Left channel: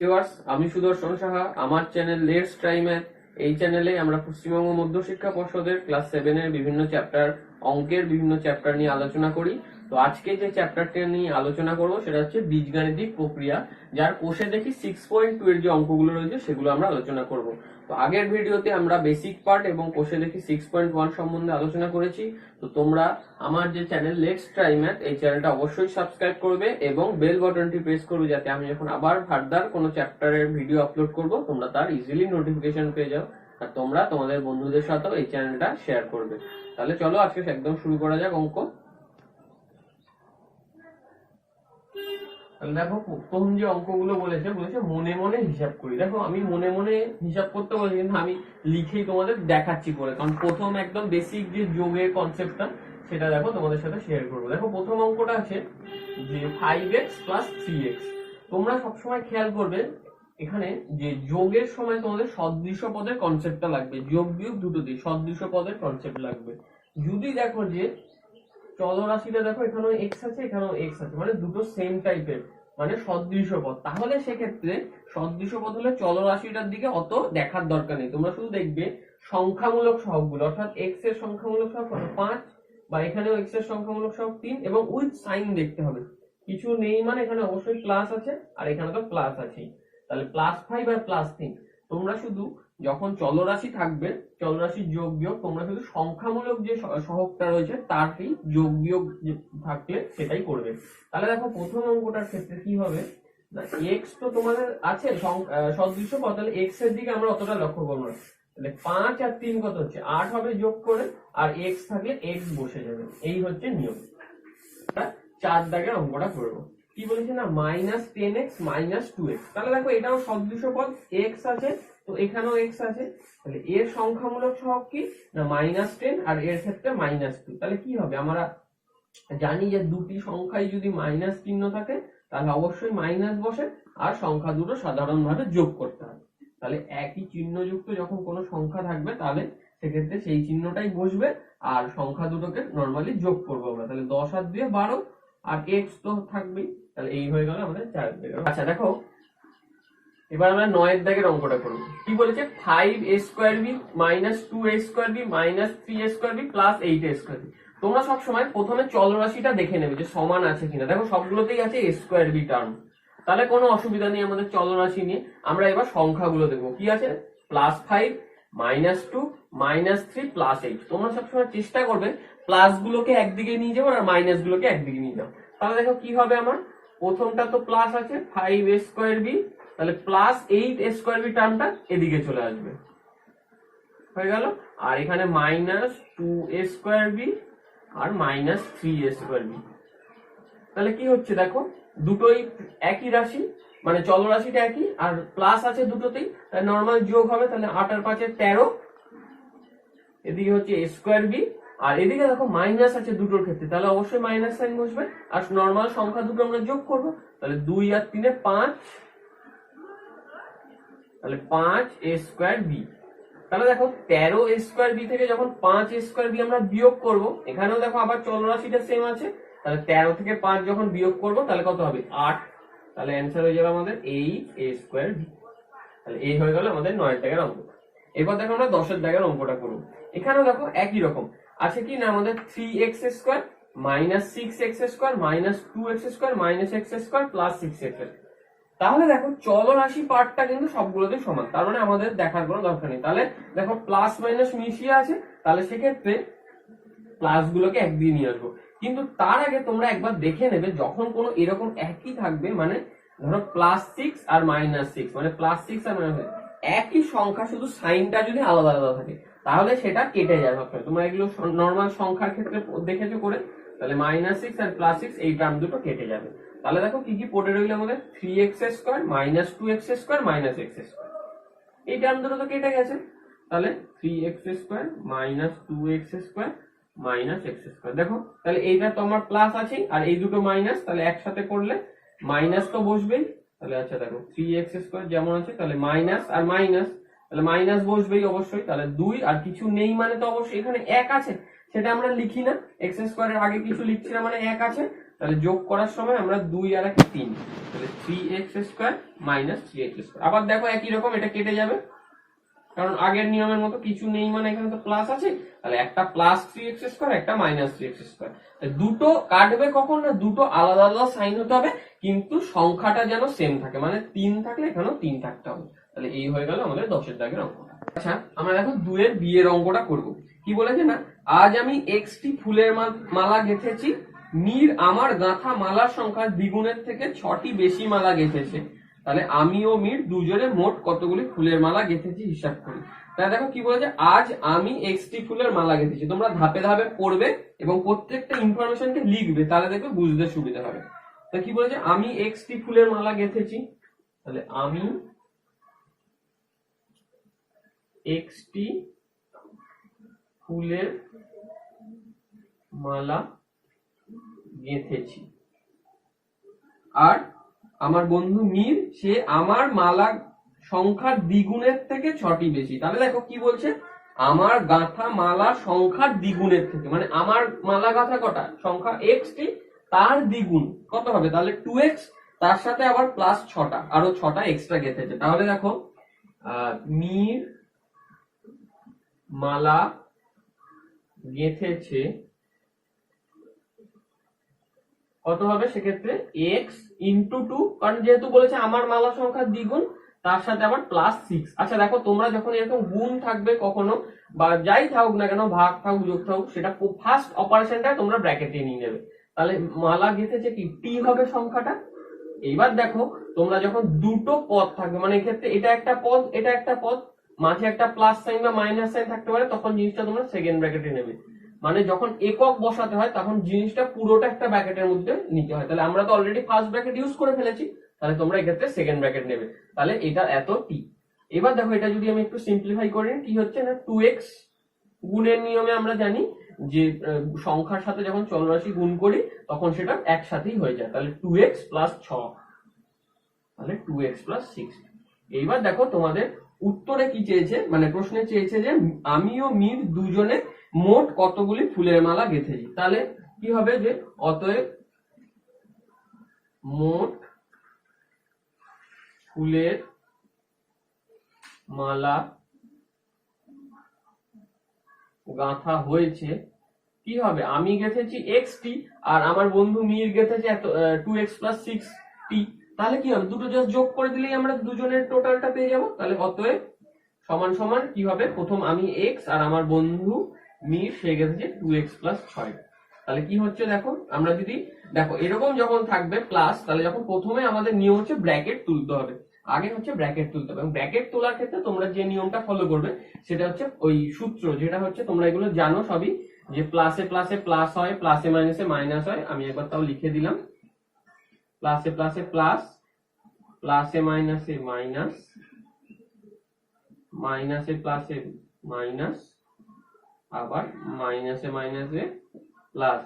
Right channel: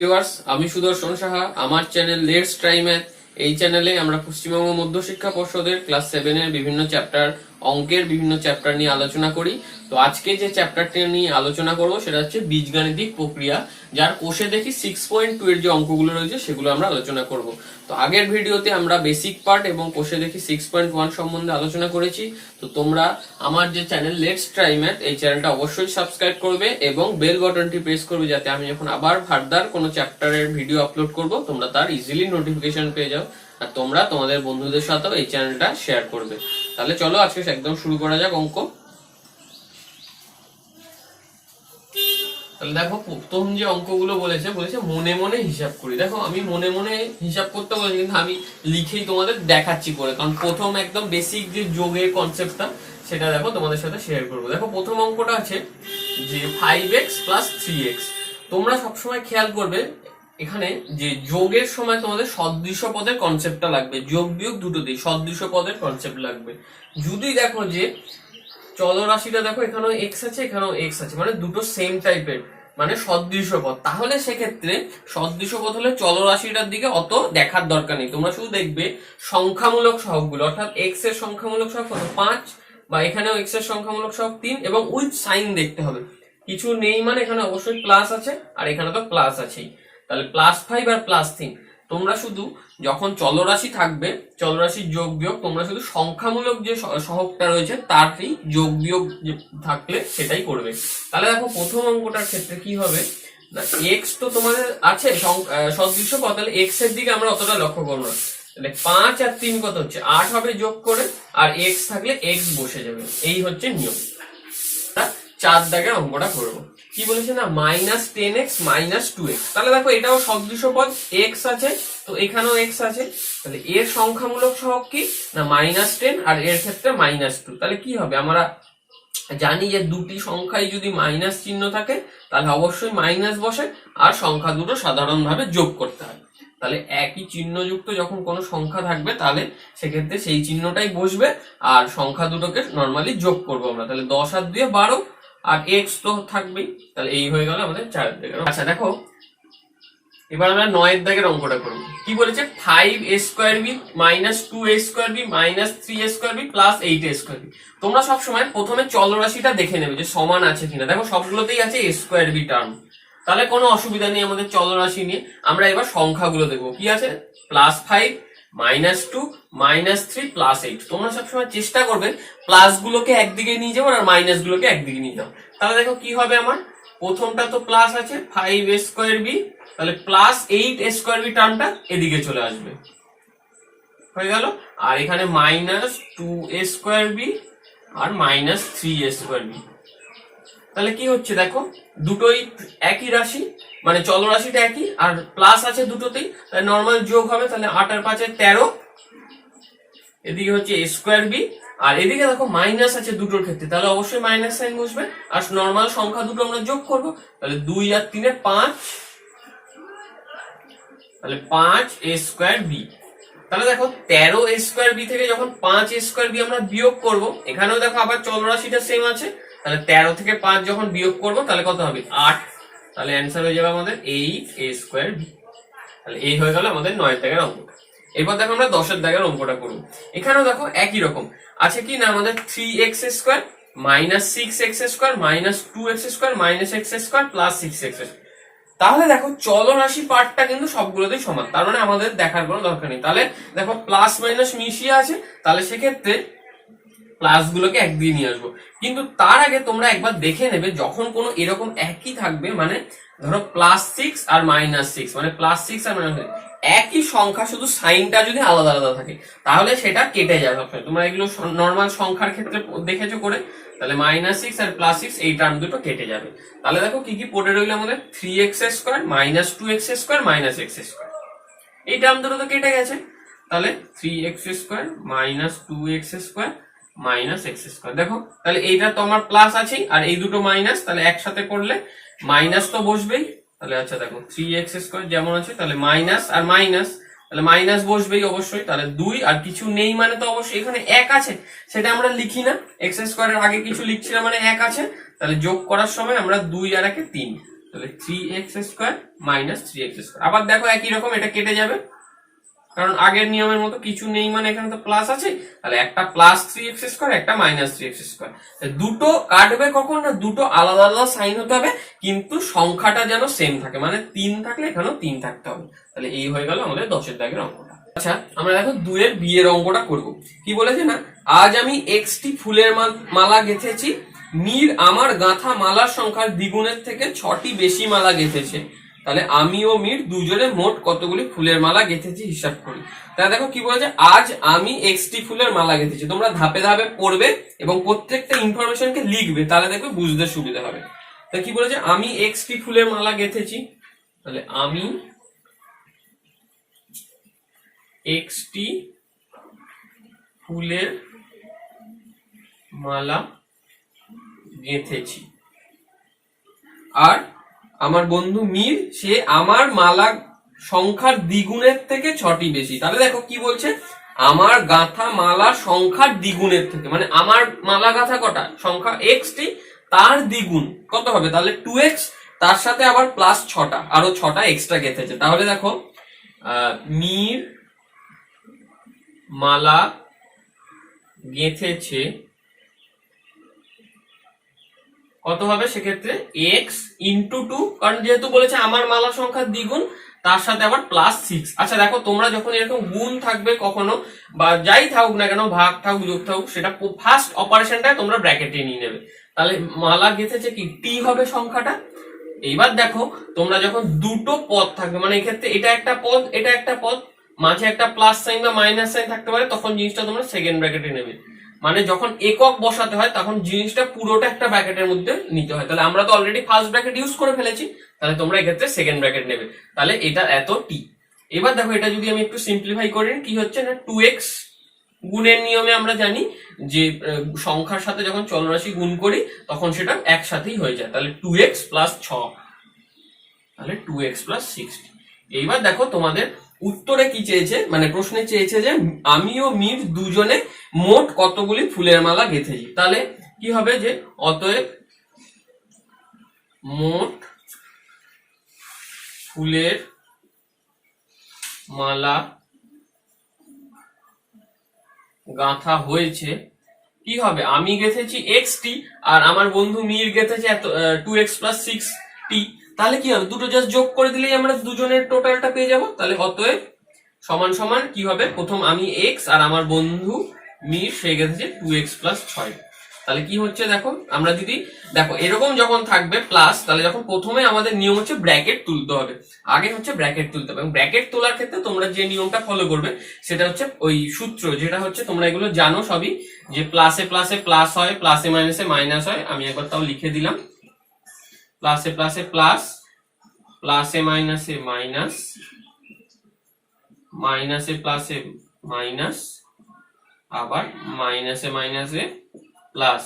Viewers, আমি সুদর্শন সাহা। আমার channel let's try math. এই চ্যানেলে আমরা পশ্চিমবঙ্গ মধ্য শিক্ষা পর্ষদের ক্লাস 7 এর বিভিন্ন চ্যাপ্টার, অঙ্কের বিভিন্ন চ্যাপ্টার নিয়ে আলোচনা করি। তো আজকে যে চ্যাপ্টারটা নিয়ে আলোচনা করব সেটা হচ্ছে বীজগাণিতিক প্রক্রিয়া, যার কোষে দেখি 6.2 এর যে অঙ্কগুলো রয়েছে সেগুলো আমরা আলোচনা করব। তো আগের ভিডিওতে আমরা বেসিক পার্ট এবং কোষে দেখি 6.1 সম্বন্ধে আলোচনা করেছি। তো তোমরা আমার যে চ্যানেল লেটস ট্রাই ম্যাথ, এই চ্যানেলটা অবশ্যই সাবস্ক্রাইব করবে এবং বেল বাটনটি প্রেস করবে, যাতে আমি যখন আবার ফার্দার কোনো চ্যাপ্টারের ভিডিও আপলোড করব তোমরা তার ইজিলি নোটিফিকেশন পেয়ে যাও। আর তোমরা তোমাদের বন্ধুদের সাথেও এই চ্যানেলটা শেয়ার করবে। তাহলে চলো আজকে একদম শুরু করা যাক অঙ্ক। তাহলে দেখো, প্রথম যে অঙ্কগুলো বলেছে মনে মনে হিসাব করি। দেখো, আমি মনে মনে হিসাব করতে বলেছি, কিন্তু আমি লিখেই তোমাদের দেখাচ্ছি করে, কারণ প্রথম একদম বেসিক যে যোগের কনসেপ্টটা সেটা দেখো তোমাদের সাথে শেয়ার করবো। দেখো, প্রথম অঙ্কটা আছে যে 5x + 3x। তোমরা সবসময় খেয়াল করবে এখানে যে যোগের সময় তোমাদের সদৃশ পদের কনসেপ্টটা লাগবে, যোগ বিয়োগ দুটোতেই সদৃশ পদের কনসেপ্ট লাগবে। যদি দেখো যে চলরাশিটা দেখো এখানেও এক্স আছে এখানেও এক্স আছে, মানে দুটো সেম টাইপের, মানে সদৃশ পদ, তাহলে সেক্ষেত্রে সদৃশ পদ হলে চলরাশিটার দিকে অত দেখার দরকার নেই। তোমরা শুধু দেখবে সংখ্যামূলক সহগগুলো, অর্থাৎ এক্স এর সংখ্যামূলক সহগ কত 5, বা এখানেও এক্স এর সংখ্যামূলক সহগ 3, এবং উইথ সাইন দেখতে হবে। কিছু নেই মানে এখানে অবশ্যই প্লাস আছে, আর এখানে তো প্লাস আছেই, তাহলে +5 আর +3। তোমরা শুধু যখন চলরাশি থাকবে, চলরাশির যোগ বিয়োগ, তোমরা শুধু সংখ্যামূলক যে সহগটা রয়েছে তারই যোগ বিয়োগ থাকলে সেটাই করবে। তাহলে দেখো, প্রথম অঙ্কটার ক্ষেত্রে কি হবে না, এক্স তো তোমাদের আছে সদৃশ পদ, তাহলে এক্স এর দিকে আমরা অতটা লক্ষ্য করবো না। তাহলে 5 আর 3 কত হচ্ছে 8 হবে যোগ করে, আর এক্স থাকলে এক্স বসে যাবে। এই হচ্ছে নিয়ম। 4 দাগের অঙ্কটা করবো। কি বলেছে না, -10x - 2x। তাহলে দেখো, এটাও সদৃশ পদ, এক্স আছে তো এখানেও এক্স আছে, তাহলে এর সংখ্যামূলক সহগ কি না -10, আর এর ক্ষেত্রে -2। তাহলে কি হবে, আমরা জানি যে দুটি সংখ্যায় যদি মাইনাস চিহ্ন থাকে তাহলে অবশ্যই মাইনাস বসে, আর সংখ্যা দুটো সাধারণভাবে যোগ করতে হয়। তাহলে একই চিহ্নযুক্ত যখন কোনো সংখ্যা থাকবে তাহলে সেক্ষেত্রে সেই চিহ্নটাই বসবে, আর সংখ্যা দুটোকে নর্মালি যোগ করবো আমরা। তাহলে 10 আর 2 12, আর এক্স তো থাকবেই। তাহলে এই হয়ে গেল আমাদের 4 দাগের। আচ্ছা দেখো, এবার আমরা 9 দাগের অঙ্কটা করি। কি বলেছে, 5a² - 2a² - 3a² + 8a²। তোমরা সবসময় প্রথমে চলরাশিটা দেখে নেবে যে সমান আছে কিনা। দেখো, সবগুলোতেই আছে a² টার্ম, তাহলে কোনো অসুবিধা নেই আমাদের চলরাশি নিয়ে। আমরা এবার সংখ্যাগুলো দেখবো। কি আছে, +5 - 2 - 3 + 8। তোমরা সবসময় চেষ্টা করবে প্লাস গুলোকে একদিকে নিয়ে যাবো আর মাইনাস গুলোকে একদিকে নিয়ে যাও। তাহলে দেখো কি হবে, আমার প্রথমটা তো প্লাস আছে 5a², তাহলে +8a² টার্মটা এদিকে চলে আসবে, হয়ে গেল। আর এখানে -2a² আর -3a²। তাহলে কি হচ্ছে দেখো, দুটোই একই রাশি, মানে চলরাশিটা একই, আর প্লাস আছে দুটোতেই, তাহলে নর্মাল যোগ হবে। তাহলে 8 আর 5 13, এদিকে হচ্ছে a², আর এদিকে দেখো মাইনাস আছে দুটোর ক্ষেত্রে, তাহলে অবশ্যই মাইনাস সাইন বসবে, আর নর্মাল সংখ্যা দুটো আমরা যোগ করব। তাহলে 2 আর 3 5, তাহলে 5a²b। তাহলে দেখো 13a²b থেকে যখন 5a²b আমরা বিয়োগ করব, এখানেও দেখো আবার চলরাশিটা সেম আছে, তাহলে 13 থেকে 5 যখন বিয়োগ করব তাহলে কত হবে 8। তাহলে অ্যান্সার হয়ে যাবে আমাদের 8a²b। তাহলে এই হয়ে গেল আমাদের 9 দাগের অঙ্ক। এরপর দেখো আমরা 10 দাগের অঙ্কটা করব। এখানেও দেখো একই রকম আছে কি না, আমাদের 3x² - 6x² - 2x² - x² + 6x²। তাহলে দেখো, চলরাশি পার্টটা কিন্তু সবগুলোতেই সমান, তার মানে আমাদের দেখার কোনো দরকার নেই। তাহলে দেখো, প্লাস মাইনাস মিশিয়ে আছে, তাহলে সেক্ষেত্রে প্লাস গুলোকে একদিকে নিয়ে আসবো। কিন্তু তার আগে তোমরা একবার দেখে নেবে, যখন কোনো এরকম একই থাকবে, মানে ধরো +6 আর -6, মানে +6 আর -6 একই সংখ্যা, শুধু সাইনটা যদি আলাদা আলাদা থাকে তাহলে সেটা কেটে যায় সবসময়। তোমরা এগুলো নর্মাল সংখ্যার ক্ষেত্রে দেখেছো করে, তাহলে -6 আর +6 এই টার্ম দুটো কেটে যাবে। তাহলে দেখো কি কি পড়ে রইল আমাদের, 3x² - 2x² - x²। এই টার্ম দুটো তো কেটে গেছে, তাহলে 3x² - 2x² - x²। দেখো, তাহলে এইটা তো আমার প্লাস আছেই, আর এই দুটো মাইনাস, তাহলে একসাথে করলে মাইনাস তো বসবেই। তাহলে আচ্ছা দেখো, 3x² যেমন আছে, তাহলে মাইনাস আর মাইনাস, তাহলে মাইনাস বসবেই অবশ্যই। তাহলে 2, আর কিছু নেই মানে তো অবশ্যই এখানে 1 আছে, সেটা আমরা লিখি না, x² এর আগে কিছু লিখছি না মানে 1 আছে। তাহলে যোগ করার সময় আমরা 2 আর 1 3, তাহলে 3x square minus 3x square. আবার দেখো একই রকম এটা কেটে যাবে, কারণ আগের নিয়মের মতো কিছু নেই, মানে এখানে তো প্লাস আছে, তাহলে একটা প্লাস 3x স্কোয়ার একটা মাইনাস 3x স্কোয়ার। দুটো কাটবে কখন না, দুটো আলাদা আলাদা সাইন হতে হবে, কিন্তু সংখ্যাটা যেন সেম থাকে, মানে 3 থাকলে এখানেও 3 থাকতে হবে। তাহলে এই হয়ে গেল আমাদের 10-এর দাগের অঙ্কটা। আচ্ছা আমরা দেখো 2-এর বিয়ের অঙ্কটা করব। কি বলেছে না, আজ আমি xটি ফুলের মালা গেঁথেছি, মীর আমার গাঁথা মালার সংখ্যার দ্বিগুণের থেকে 6টি বেশি মালা গেঁথেছে, তাহলে আমি ও মীর দুজনে মোট কতগুলি ফুলের মালা গেঁথেছি হিসাব করি। তাহলে দেখো কি বলেছে, আজ আমি xটি ফুলের মালা গেঁথেছি। তোমরা ধাপে ধাপে পড়বে এবং প্রত্যেকটা ইনফরমেশনকে লিখবে, তাহলে দেখবে বুঝতে সুবিধা হবে। তা কি বলেছে, আমি xটি ফুলের মালা গেঁথেছি, তাহলে আমি xটি ফুলের মালা গেঁথেছি, আর আমার বন্ধু মীর সে আমার মালা সংখ্যার দ্বিগুণের থেকে 6টি বেশি। তাহলে দেখো কি বলছে, আমার গাঁথা মালা সংখ্যার দ্বিগুণের থেকে, মানে আমার মালা গাঁথা কটা সংখ্যা xটি, তার দ্বিগুণ কত হবে, তাহলে 2x, তার সাথে আবার প্লাস 6টা, আরো 6টা এক্সট্রা গেঁথেছে। তাহলে দেখো মীর মালা গেঁথেছে কত হবে সেক্ষেত্রে x ইন্টু 2, কারণ যেহেতু বলেছে আমার মালা সংখ্যার দ্বিগুণ, তার সাথে আবার প্লাস 6। আচ্ছা দেখো তোমরা যখন এরকম গুণ থাকবে কখনো বা যাই থাকুক না কেন, ভাগ থাকুক যোগ থাকুক, সেটা ফার্স্ট অপারেশনটা তোমরা ব্র্যাকেটে নিয়ে নেবে। তাহলে মালা গেঁথেছে কি t হবে সংখ্যাটা। এইবার দেখো তোমরা যখন দুটো পদ থাকবে, মানে এক্ষেত্রে এটা একটা পদ এটা একটা পদ, মাঝে একটা প্লাস সাইন বা মাইনাস সাইন থাকতে পারে, তখন জিনিসটা তোমরা সেকেন্ড ব্র্যাকেটে নেবে। মানে যখন একক বসাতে হয় তখন জিনিসটা পুরোটা একটা ব্র্যাকেটের মধ্যে নিতে হয়। তাহলে আমরা তো অলরেডি ফার্স্ট ব্র্যাকেট ইউজ করে ফেলেছি, তাহলে তোমরা এক্ষেত্রে সেকেন্ড ব্র্যাকেট নেবে। তাহলে এটা এত টি। এবার দেখো এটা যদি আমি একটু সিম্পলিফাই করি, কি হচ্ছে না, 2x গুণের নিয়মে আমরা জানি যে সংখ্যার সাথে যখন চলরাশি গুণ করি তখন সেটা একসাথেই হয়ে যায়। তাহলে 2x প্লাস 6, তাহলে 2x প্লাস 60। এইবার দেখো তোমাদের উত্তরে কি চেয়েছে, মানে প্রশ্নে চেয়েছে যে আমি ও মীর দুজনে মোট কতগুলি ফুলের মালা গেঁথেছি। তাহলে কি হবে যে অতএব মোট ফুলের মালা গাঁথা হয়েছে, কি হবে, আমি গেঁথেছি xটি আর আমার বন্ধু মীর গেঁথেছে 2x প্লাস 6t। তাহলে কি হবে, দুটো জাস্ট যোগ করে দিলেই আমরা দুজনের টোটালটা পেয়ে যাব। তাহলে অতএব সমান সমান কি হবে, প্রথম আমি x আর আমার বন্ধু মীর সে গেছে 2x প্লাস 6। তাহলে কি হচ্ছে দেখো, আমরা যদি দেখো এরকম যখন থাকবে প্লাস, তাহলে যখন প্রথমে আমাদের নিয়ম হচ্ছে ব্র্যাকেট তুলতে হবে, আগে হচ্ছে ব্র্যাকেট তুলতে হবে। এবং ব্র্যাকেট তোলার ক্ষেত্রে তোমরা যে নিয়মটা ফলো করবে সেটা হচ্ছে ওই সূত্র, যেটা হচ্ছে তোমরা এগুলো জানো সবই, যে প্লাসে প্লাসে প্লাস হয়, প্লাসে মাইনাসে মাইনাস হয়। আমি একবার তাও লিখে দিলাম, প্লাসে প্লাসে প্লাস, প্লাসে মাইনাসে মাইনাস, মাইনাসে প্লাসে মাইনাস, আবার মাইনাসে মাইনাসে প্লাস।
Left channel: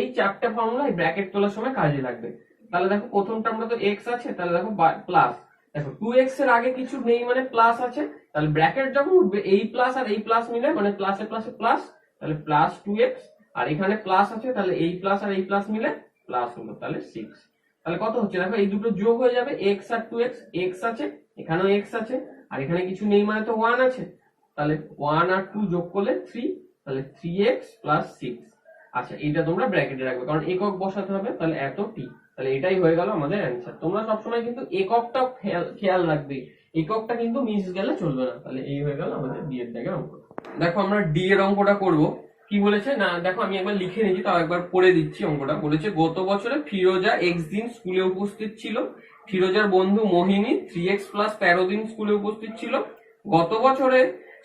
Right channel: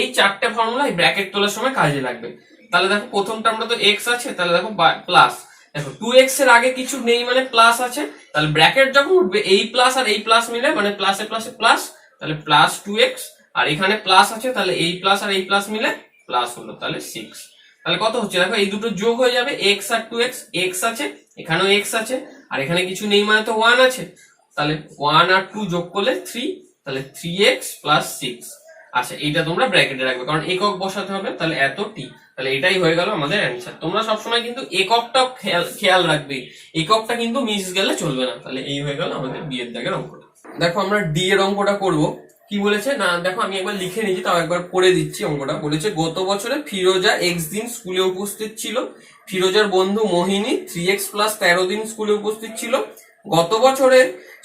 এই চারটে ফর্মুলা এই ব্র্যাকেট তোলার সময় কাজে লাগবে। তাহলে দেখো প্রথমটা আমরা তো x আছে, তাহলে দেখো প্লাস, দেখো 2x এর আগে কিছু নেই মানে প্লাস আছে, তাহলে ব্র্যাকেট যখন উঠবে এই প্লাস আর এই প্লাস মিলে মানে প্লাসে প্লাসে প্লাস, তাহলে প্লাস 2x, আর এখানে প্লাস আছে তাহলে এই প্লাস আর এই প্লাস মিলে প্লাস হলো, তাহলে 6। তাহলে কত হচ্ছে দেখো, এই দুটো যোগ হয়ে যাবে, x আর 2x, x আছে এখানেও x আছে আর এখানে কিছু নেই মানে তো 1 আছে, তাহলে 1 আর 2 যোগ করলে 3, তাহলে 3x প্লাস 6। আচ্ছা এইটা তোমরা ব্র্যাকেটে রাখবে কারণ একক বসাতে হবে, তাহলে এত টি। তাহলে এটাই হয়ে গেল আমাদের অ্যান্সার। তোমরা সবসময় কিন্তু এককটা খেয়াল রাখবে, এককটা কিন্তু মিস গেলে চলবে না। তাহলে এই হয়ে গেল আমাদের বি এর দাগের অঙ্কটা। দেখো আমরা ডি এর অঙ্কটা করব। কি বলেছে না, দেখো আমি একবার লিখে নিয়েছি, তাও একবার পড়ে দিচ্ছি অঙ্কটা। বলেছে গত বছরে ফিরোজা x দিন স্কুলে উপস্থিত ছিল, ফিরোজার বন্ধু মোহিনী 3x প্লাস 13 দিন স্কুলে উপস্থিত ছিল। গত বছরে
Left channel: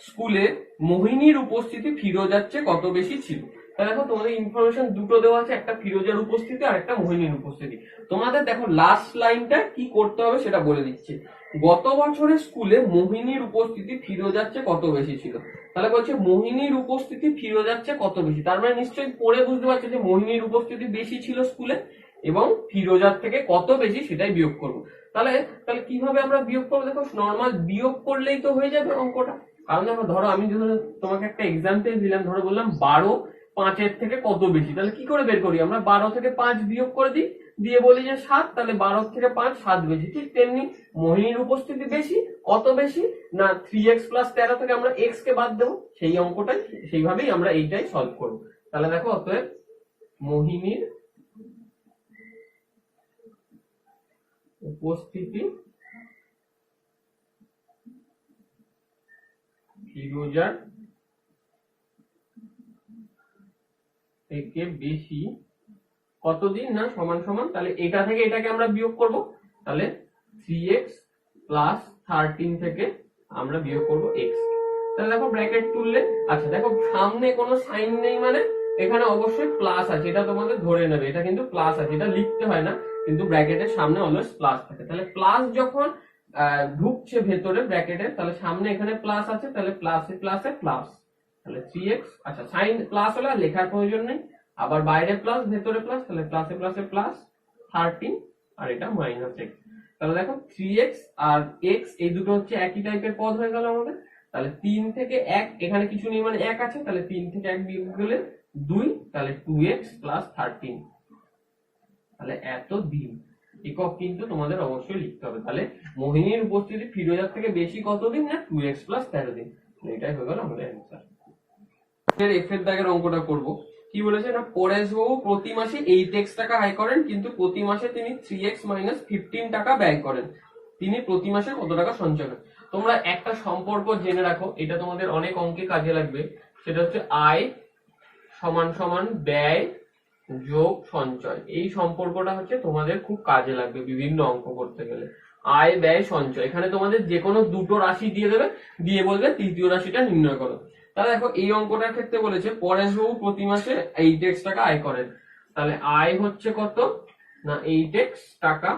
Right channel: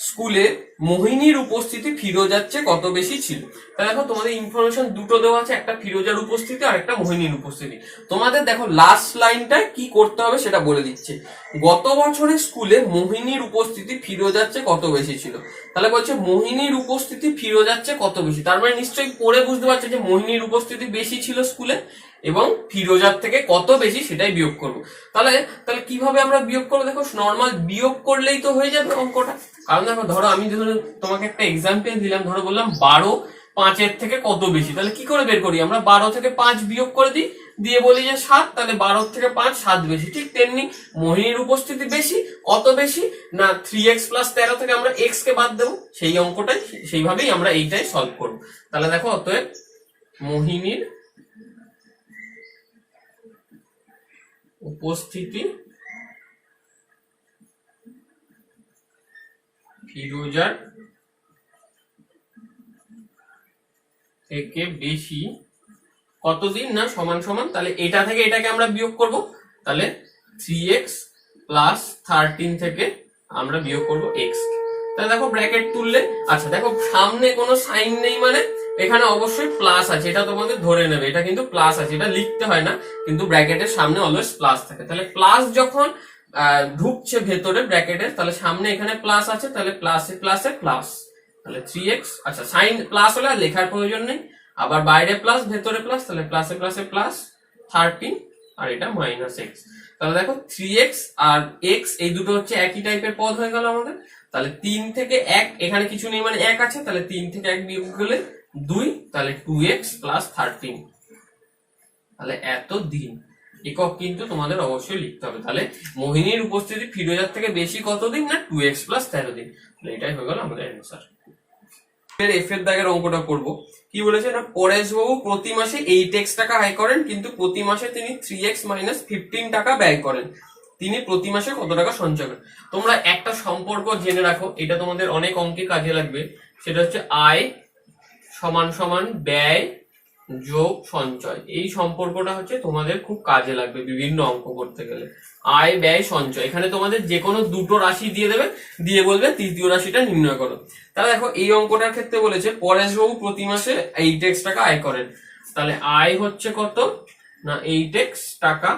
স্কুলে মোহিনীর উপস্থিতি ফিরোজার চেয়ে কত বেশি ছিল। তাহলে দেখো তোমাদের ইনফরমেশন দুটো দেওয়া আছে, একটা ফিরোজার উপস্থিতি আর একটা মোহিনীর উপস্থিতি। তোমাদের দেখো লাস্ট লাইনটা কি করতে হবে সেটা বলে দিচ্ছে, গত বছরে স্কুলে মোহিনীর উপস্থিতি ফিরোজার চেয়ে কত বেশি ছিল। তাহলে বলছে মোহিনীর উপস্থিতি ফিরোজার চেয়ে কত বেশি, তার মানে নিশ্চয়ই পড়ে বুঝতে পারছে যে মোহিনীর উপস্থিতি বেশি ছিল স্কুলে এবং ফিরোজার থেকে কত বেশি সেটাই বিয়োগ করব। তাহলে তাহলে কিভাবে আমরা বিয়োগ করবো, দেখো নর্মাল বিয়োগ করলেই তো হয়ে যাবে অঙ্কটা। কারণ দেখো ধরো আমি ধরো তোমাকে একটা এক্সাম্পল দিলাম, ধরো বললাম 12 5-এর থেকে কত বেশি। তাহলে কি করে বের করি আমরা? 12 থেকে 5 বিয়োগ করে দিই, দিয়ে বলি যে 7, তাহলে 12 থেকে 5 7 বেশি। ঠিক তেমনি মোহিনীর উপস্থিতি বেশি, কত বেশি না 3x + 13 থেকে আমরা x কে বাদ দেবো, সেই অঙ্কটাই সেইভাবেই আমরা এইটাই সলভ করব। তাহলে দেখো অতএব মোহিনীর উপস্থিতি ফিরোজার থেকে বেশি কতদিন না সমান সমান, তাহলে এটা থেকে এটাকে আমরা বিয়োগ করব, তাহলে 3x + 13 থেকে আমরা বিয়োগ করব x। তাহলে দেখো ব্র্যাকেট তুললে, আচ্ছা দেখো সামনে কোনো সাইন নেই মানে এখানে অবশ্যই প্লাস আছে, এটা তোমাদের ধরে নেবে, এটা কিন্তু প্লাস আছে, এটা লিখতে হয় না, কিন্তু ব্র্যাকেটের সামনে অলওয়েজ প্লাস থাকে। তাহলে প্লাস যখন ঢুকছে ভেতরে ব্র্যাকেটের, তাহলে সামনে এখানে প্লাস আছে, তাহলে প্লাসে প্লাসে প্লাস, তাহলে 3x, আচ্ছা সাইন প্লাস হলে আর লেখার প্রয়োজন নেই, আবার বাইরে প্লাস ভেতরে প্লাস, তাহলে প্লাসে প্লাসে প্লাস 13 আর এটা -x। তাহলে দেখো 3x আর x এই দুটো হচ্ছে একই টাইপের পদ হয়ে গেল আমাদের। তাহলে 3 থেকে 1, এখানে কিছু নেই মানে 1 আছে, তাহলে 3 থেকে 1 বিয়োগ করলে 2, তাহলে 2x + 13। তাহলে এত দিন একক কিন্তু তোমাদের অবশ্যই লিখতে হবে। তাহলে মোহিনীর উপস্থিতি ফিরোজার থেকে বেশি কতদিন না 2x + 13 দিন। তাহলে এটাই হয়ে গেল আমাদের অ্যানসার। এফ এর দাগের অঙ্কটা করব। কি বলেছে না, পরেশবাবু প্রতি মাসে 8x টাকা আয় করেন, কিন্তু প্রতি মাসে তিনি 3x - 15 টাকা ব্যয় করেন। তিনি প্রতি মাসে কত টাকা সঞ্চয় করেন? তোমরা একটা সম্পর্ক জেনে রাখো, এটা তোমাদের অনেক অঙ্কে কাজে লাগবে। সেটা হচ্ছে আয় সমান ব্যয় যোগ সঞ্চয়। এই সম্পর্কটা হচ্ছে তোমাদের খুব কাজে লাগবে বিভিন্ন অঙ্ক করতে গেলে। আয় ব্যয় সঞ্চয়, এখানে তোমাদের যে কোনো দুটো রাশি দিয়ে দেবে, দিয়ে বলবে তৃতীয় রাশিটা নির্ণয় করো। তাহলে দেখো এই অঙ্কটার ক্ষেত্রে বলেছে পরেশবাবু প্রতি মাসে 8x টাকা আয় করেন। তাহলে আয় হচ্ছে কত না 8x টাকা,